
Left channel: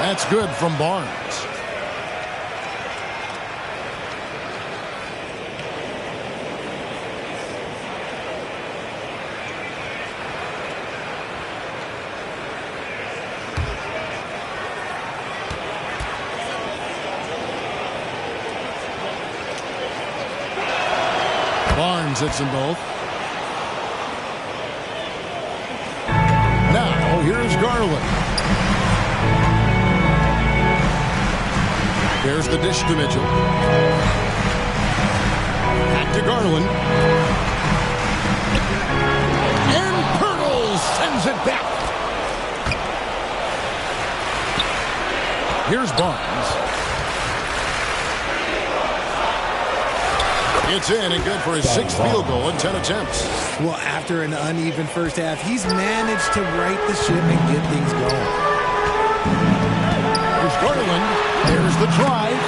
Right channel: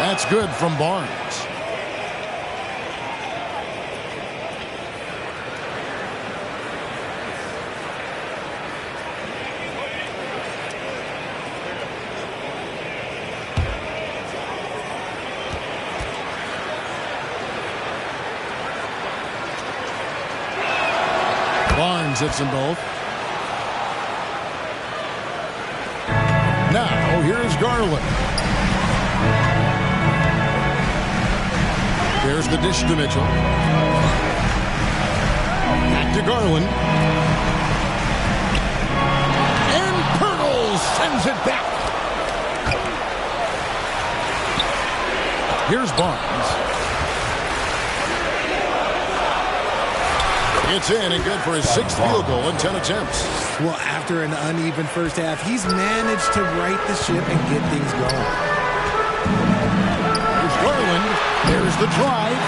That's good from Barnes. Barnes hits them both. Now, here's Garland. There's the dish to Mitchell. Back to Garland. And Pirtle sends it back. Here's Barnes. It's in and good for his 6th field goal in 10 attempts. Well, after an uneven first half, he's managed to right the ship and get things going. Here's Garland. There's the drive.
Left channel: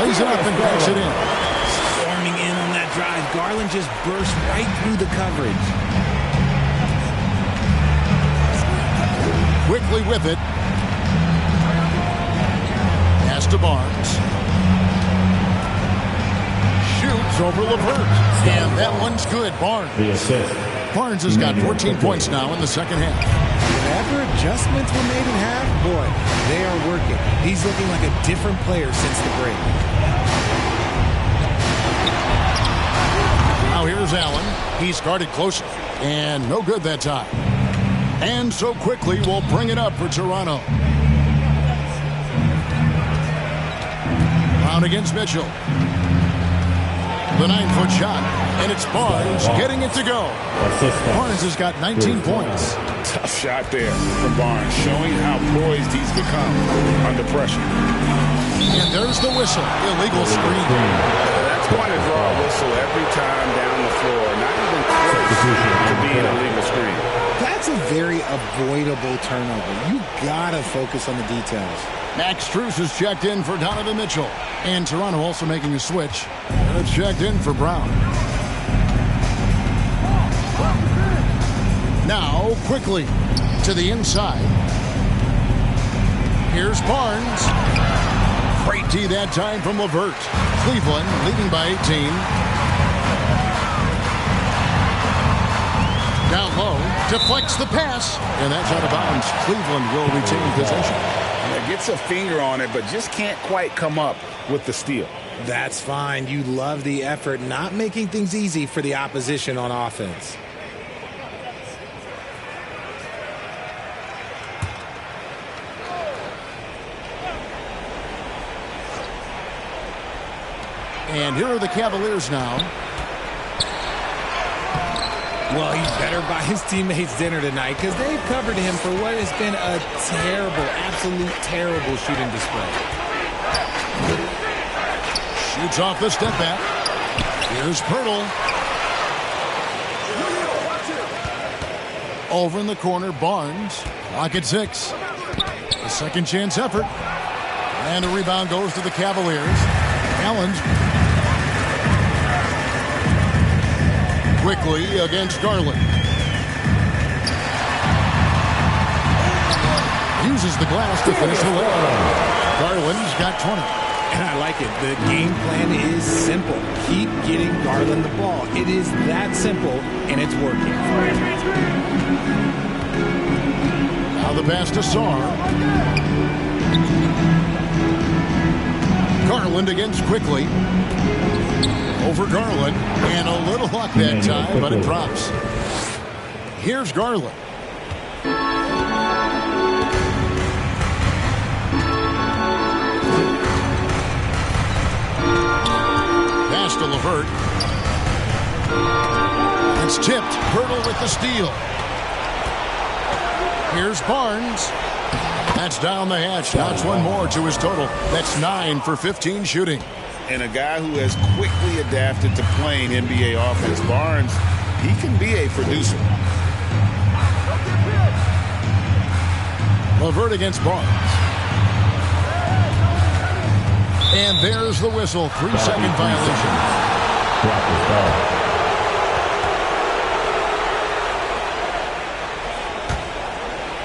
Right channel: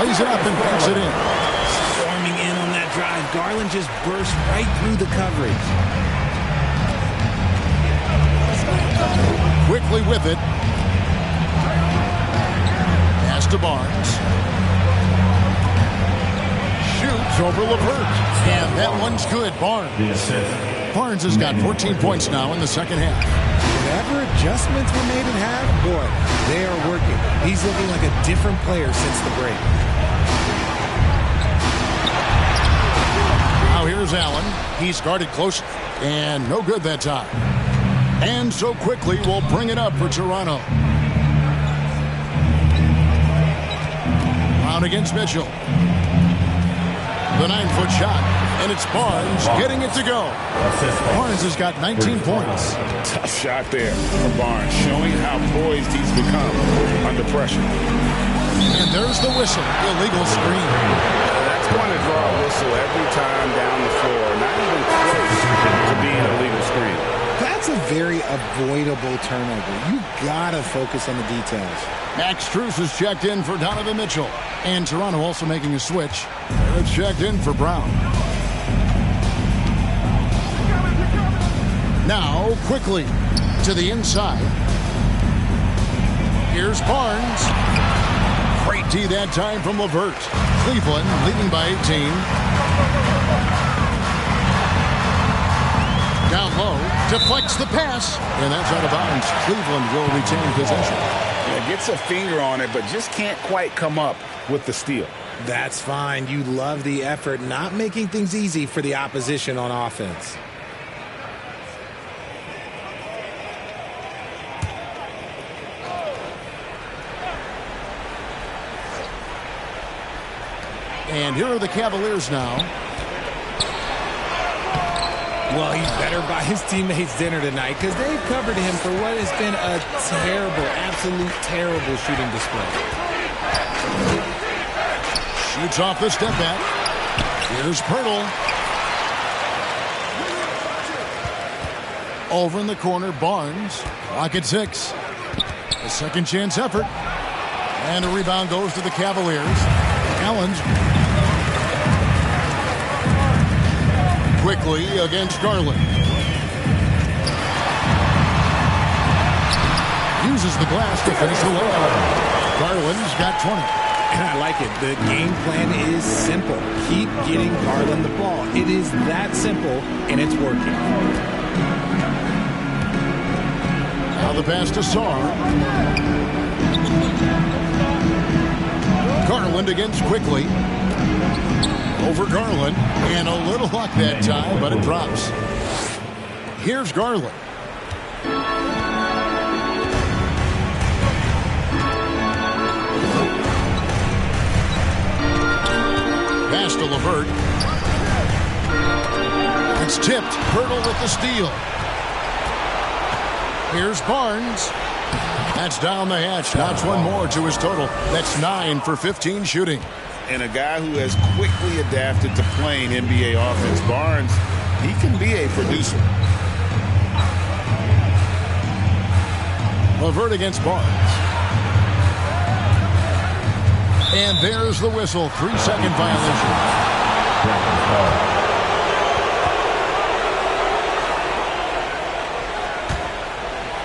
Lays it up and banks it in. storming in on that drive. Garland just burst right through the coverage. Quickly with it. Pass to Barnes. Shoots over LeVert. And that one's good. Barnes. The assist. Barnes has got 14 points now in the second half. Whatever adjustments were made at half, boy, they are working. He's looking like a different player since the break. Now here's Allen. He's guarded closely. And no good that time. And so quickly we'll bring it up for Toronto. Brown against Mitchell. The 9-foot shot. And it's Barnes getting it to go. Barnes has got 19 points. Tough shot there from Barnes, showing how poised he's become under pressure. And there's the whistle. Illegal screen. That's going to draw a whistle every time down the floor. Not even close to being a legal screen. That's a very avoidable turnover. You gotta focus on the details. Max Strus is checked in for Donovan Mitchell. And Toronto also making a switch. They're checked in for Brown. Now, quickly, to the inside. Here's Barnes. Great D that time from LeVert. Cleveland leading by 18. Down low, deflects the pass, and that's out of bounds. Cleveland will retain possession. Yeah, gets a finger on it, but just can't quite come up with the steal. That's fine. You love the effort, not making things easy for the opposition on offense. And here are the Cavaliers now. Well, he better buy his teammates dinner tonight because they've covered him for what has been a terrible, absolute terrible shooting display. Shoots off the step back. Here's Pirtle. Over in the corner, Barnes. Clock at 6. A second chance effort. And a rebound goes to the Cavaliers. Allen's quickly against Garland. Uses the glass to finish the layup. Garland's got 20. And I like it. The game plan is simple. Keep getting Garland the ball. It is that simple, and it's working. Now the pass to Sarr. Garland against quickly. Over Garland. And a little luck that time, but it drops. Here's Garland. Pass to LeVert. It's tipped. Pirtle with the steal. Here's Barnes. That's down the hatch. Notch one more to his total. That's 9 for 15 shooting. And a guy who has quickly adapted to playing NBA offense, Barnes, he can be a producer. LeVert against Barnes. And there's the whistle. 3-second violation.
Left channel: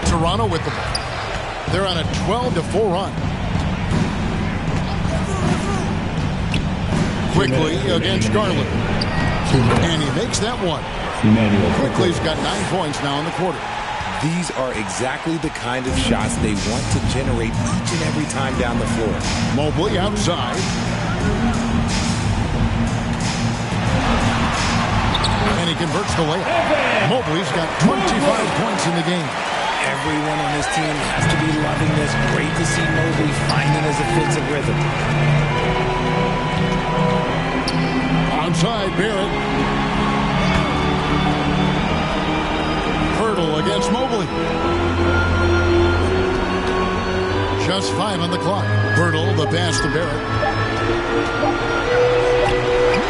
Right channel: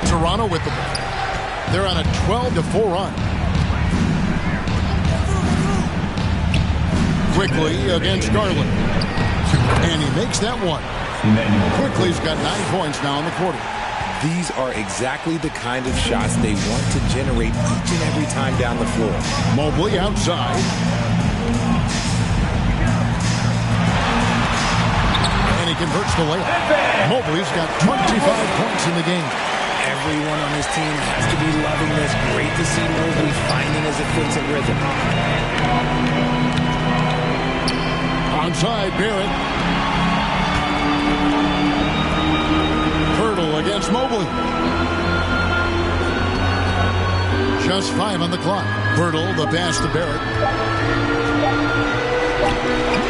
Toronto with the ball. They're on a 12-4 run. Quickly against Garland. And he makes that one. Quickly's got 9 points now in the quarter. These are exactly the kind of shots they want to generate each and every time down the floor. Mobley outside. And he converts the layup. Mobley's got 25 points in the game. Everyone on his team has to be loving this. Great to see Mobley finding his offensive rhythm. Onside, Barrett. Pirtle against Mobley. Just 5 on the clock. Pirtle, the pass to Barrett.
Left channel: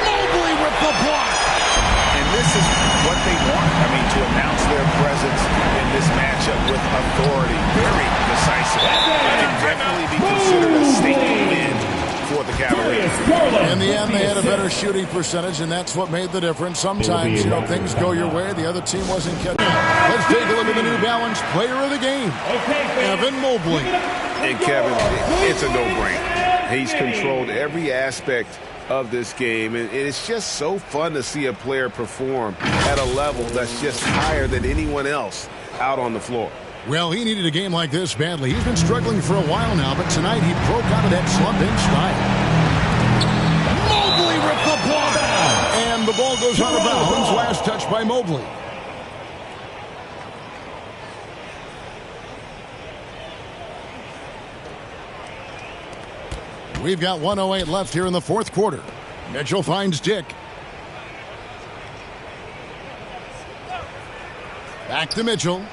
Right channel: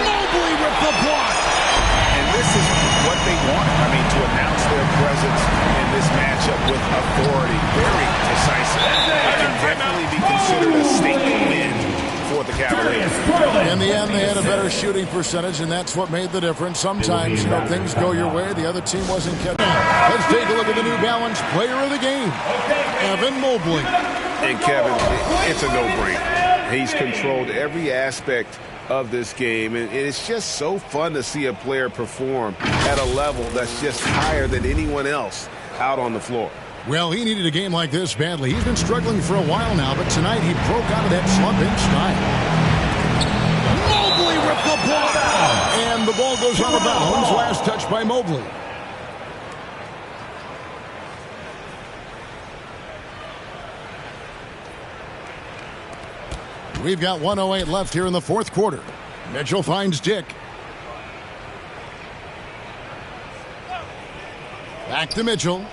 Mobley with the block. And this is what they wanted. I mean, to announce their presence in this matchup with authority. Very decisive. It can definitely be considered a statement win for the Cavaliers. In the end, they had a better shooting percentage, and that's what made the difference. Sometimes, things go your way. The other team wasn't catching. Let's take a look at the New Balance player of the game, Evan Mobley. And Kevin, it's a no-brainer. He's controlled every aspect of this game, and it's just so fun to see a player perform at a level that's just higher than anyone else out on the floor. Well, he needed a game like this badly. He's been struggling for a while now, but tonight he broke out of that slump in style. Mobley with the block, and the ball goes out of bounds. Last touch by Mobley. We've got 1:08 left here in the fourth quarter. Mitchell finds Dick. Back to Mitchell.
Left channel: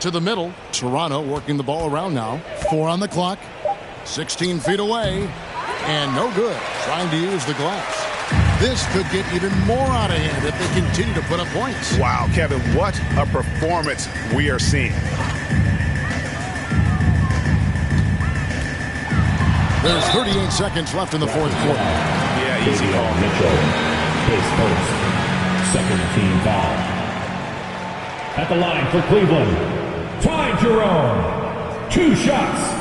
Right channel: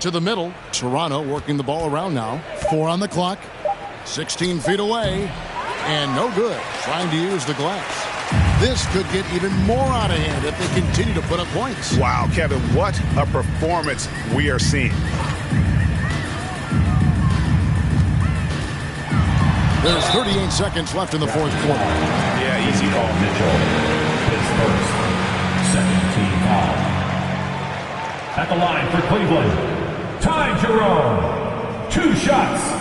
To the middle. Toronto working the ball around now. 4 on the clock. 16 feet away. And no good. Trying to use the glass. This could get even more out of hand if they continue to put up points. Wow, Kevin, what a performance we are seeing. There's 38 seconds left in the fourth quarter. Yeah, easy call. Mitchell, face first. Second team foul. At the line for Cleveland. Ty Jerome. 2 shots.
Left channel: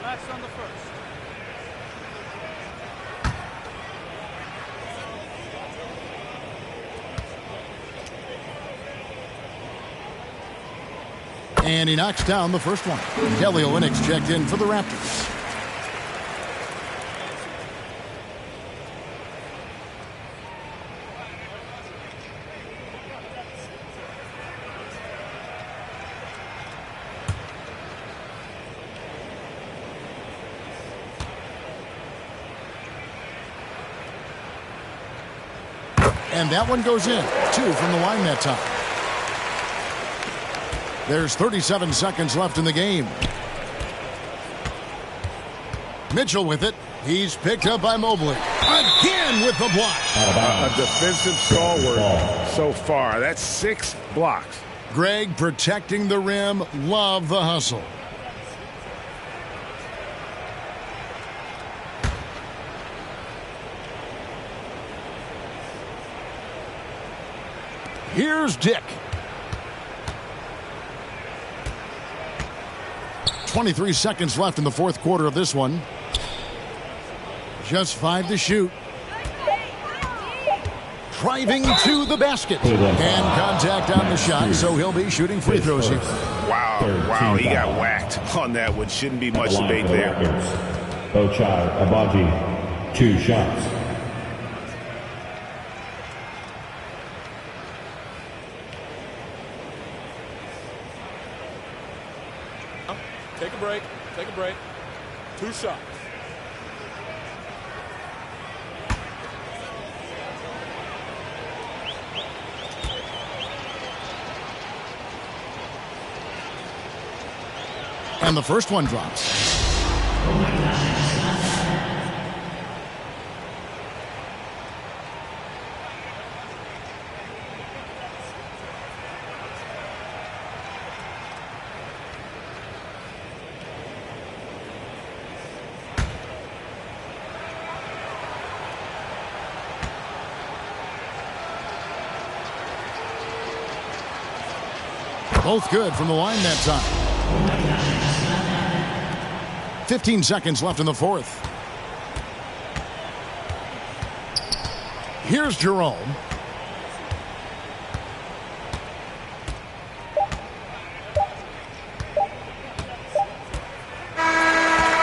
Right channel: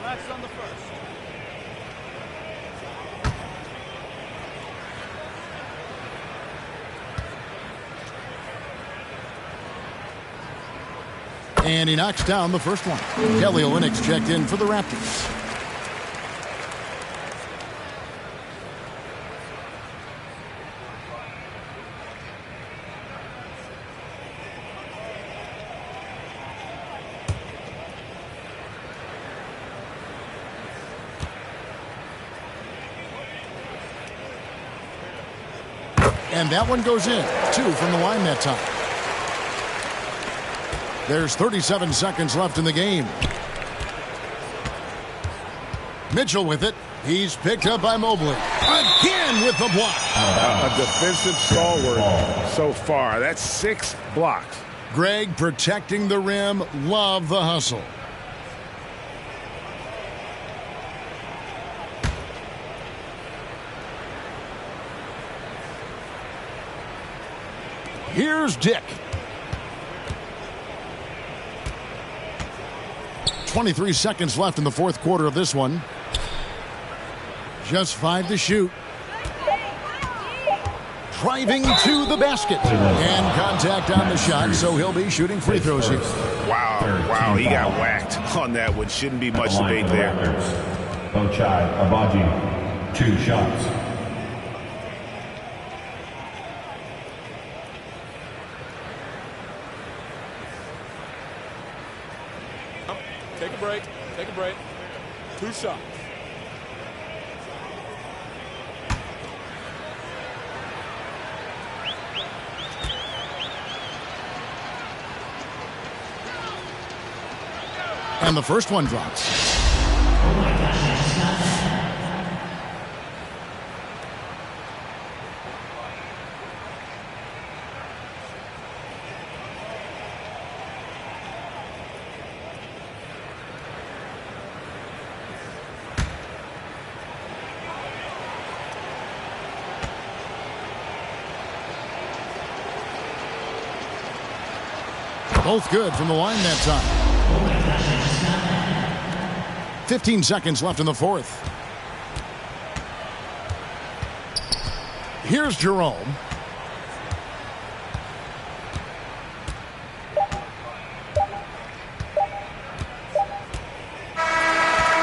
Relax on the first. And he knocks down the first one. Kelly Olynyk's checked in for the Raptors. And that one goes in. 2 from the line that time. There's 37 seconds left in the game. Mitchell with it. He's picked up by Mobley. Again with the block. A defensive stalwart so far. That's 6 blocks. Greg protecting the rim. Love the hustle. Here's Dick. 23 seconds left in the fourth quarter of this one. Just 5 to shoot. Driving to the basket. And contact on the shot, so he'll be shooting free throws here. Wow, he got whacked on that one. Shouldn't be much debate there. Ochai Agbaji, 2 shots. Take a break. Take a break. 2 shots. And the first one drops. Oh my gosh, I just got that. Both good from the line that time. Oh my gosh, I just got that. 15 seconds left in the fourth. Here's Jerome.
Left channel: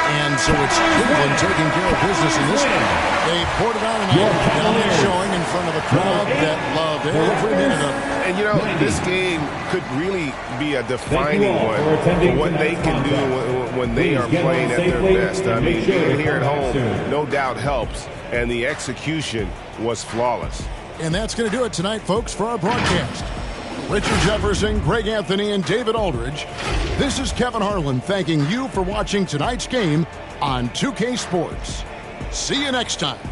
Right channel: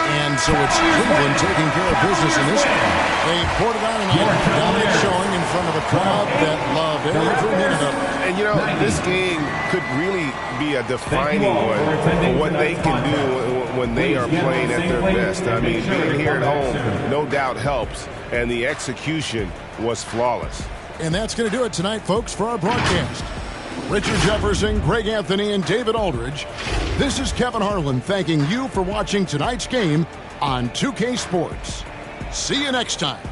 And so it's Cleveland taking care of business in this one. They poured it on tonight. Dominant showing in front of a crowd that loved every minute of it. And, you know, this game could really be a defining one for what they can do when they are playing at their best. I mean, being here at home no doubt helps, and the execution was flawless. And that's going to do it tonight, folks, for our broadcast. Richard Jefferson, Greg Anthony, and David Aldridge. This is Kevin Harlan thanking you for watching tonight's game on 2K Sports. See you next time.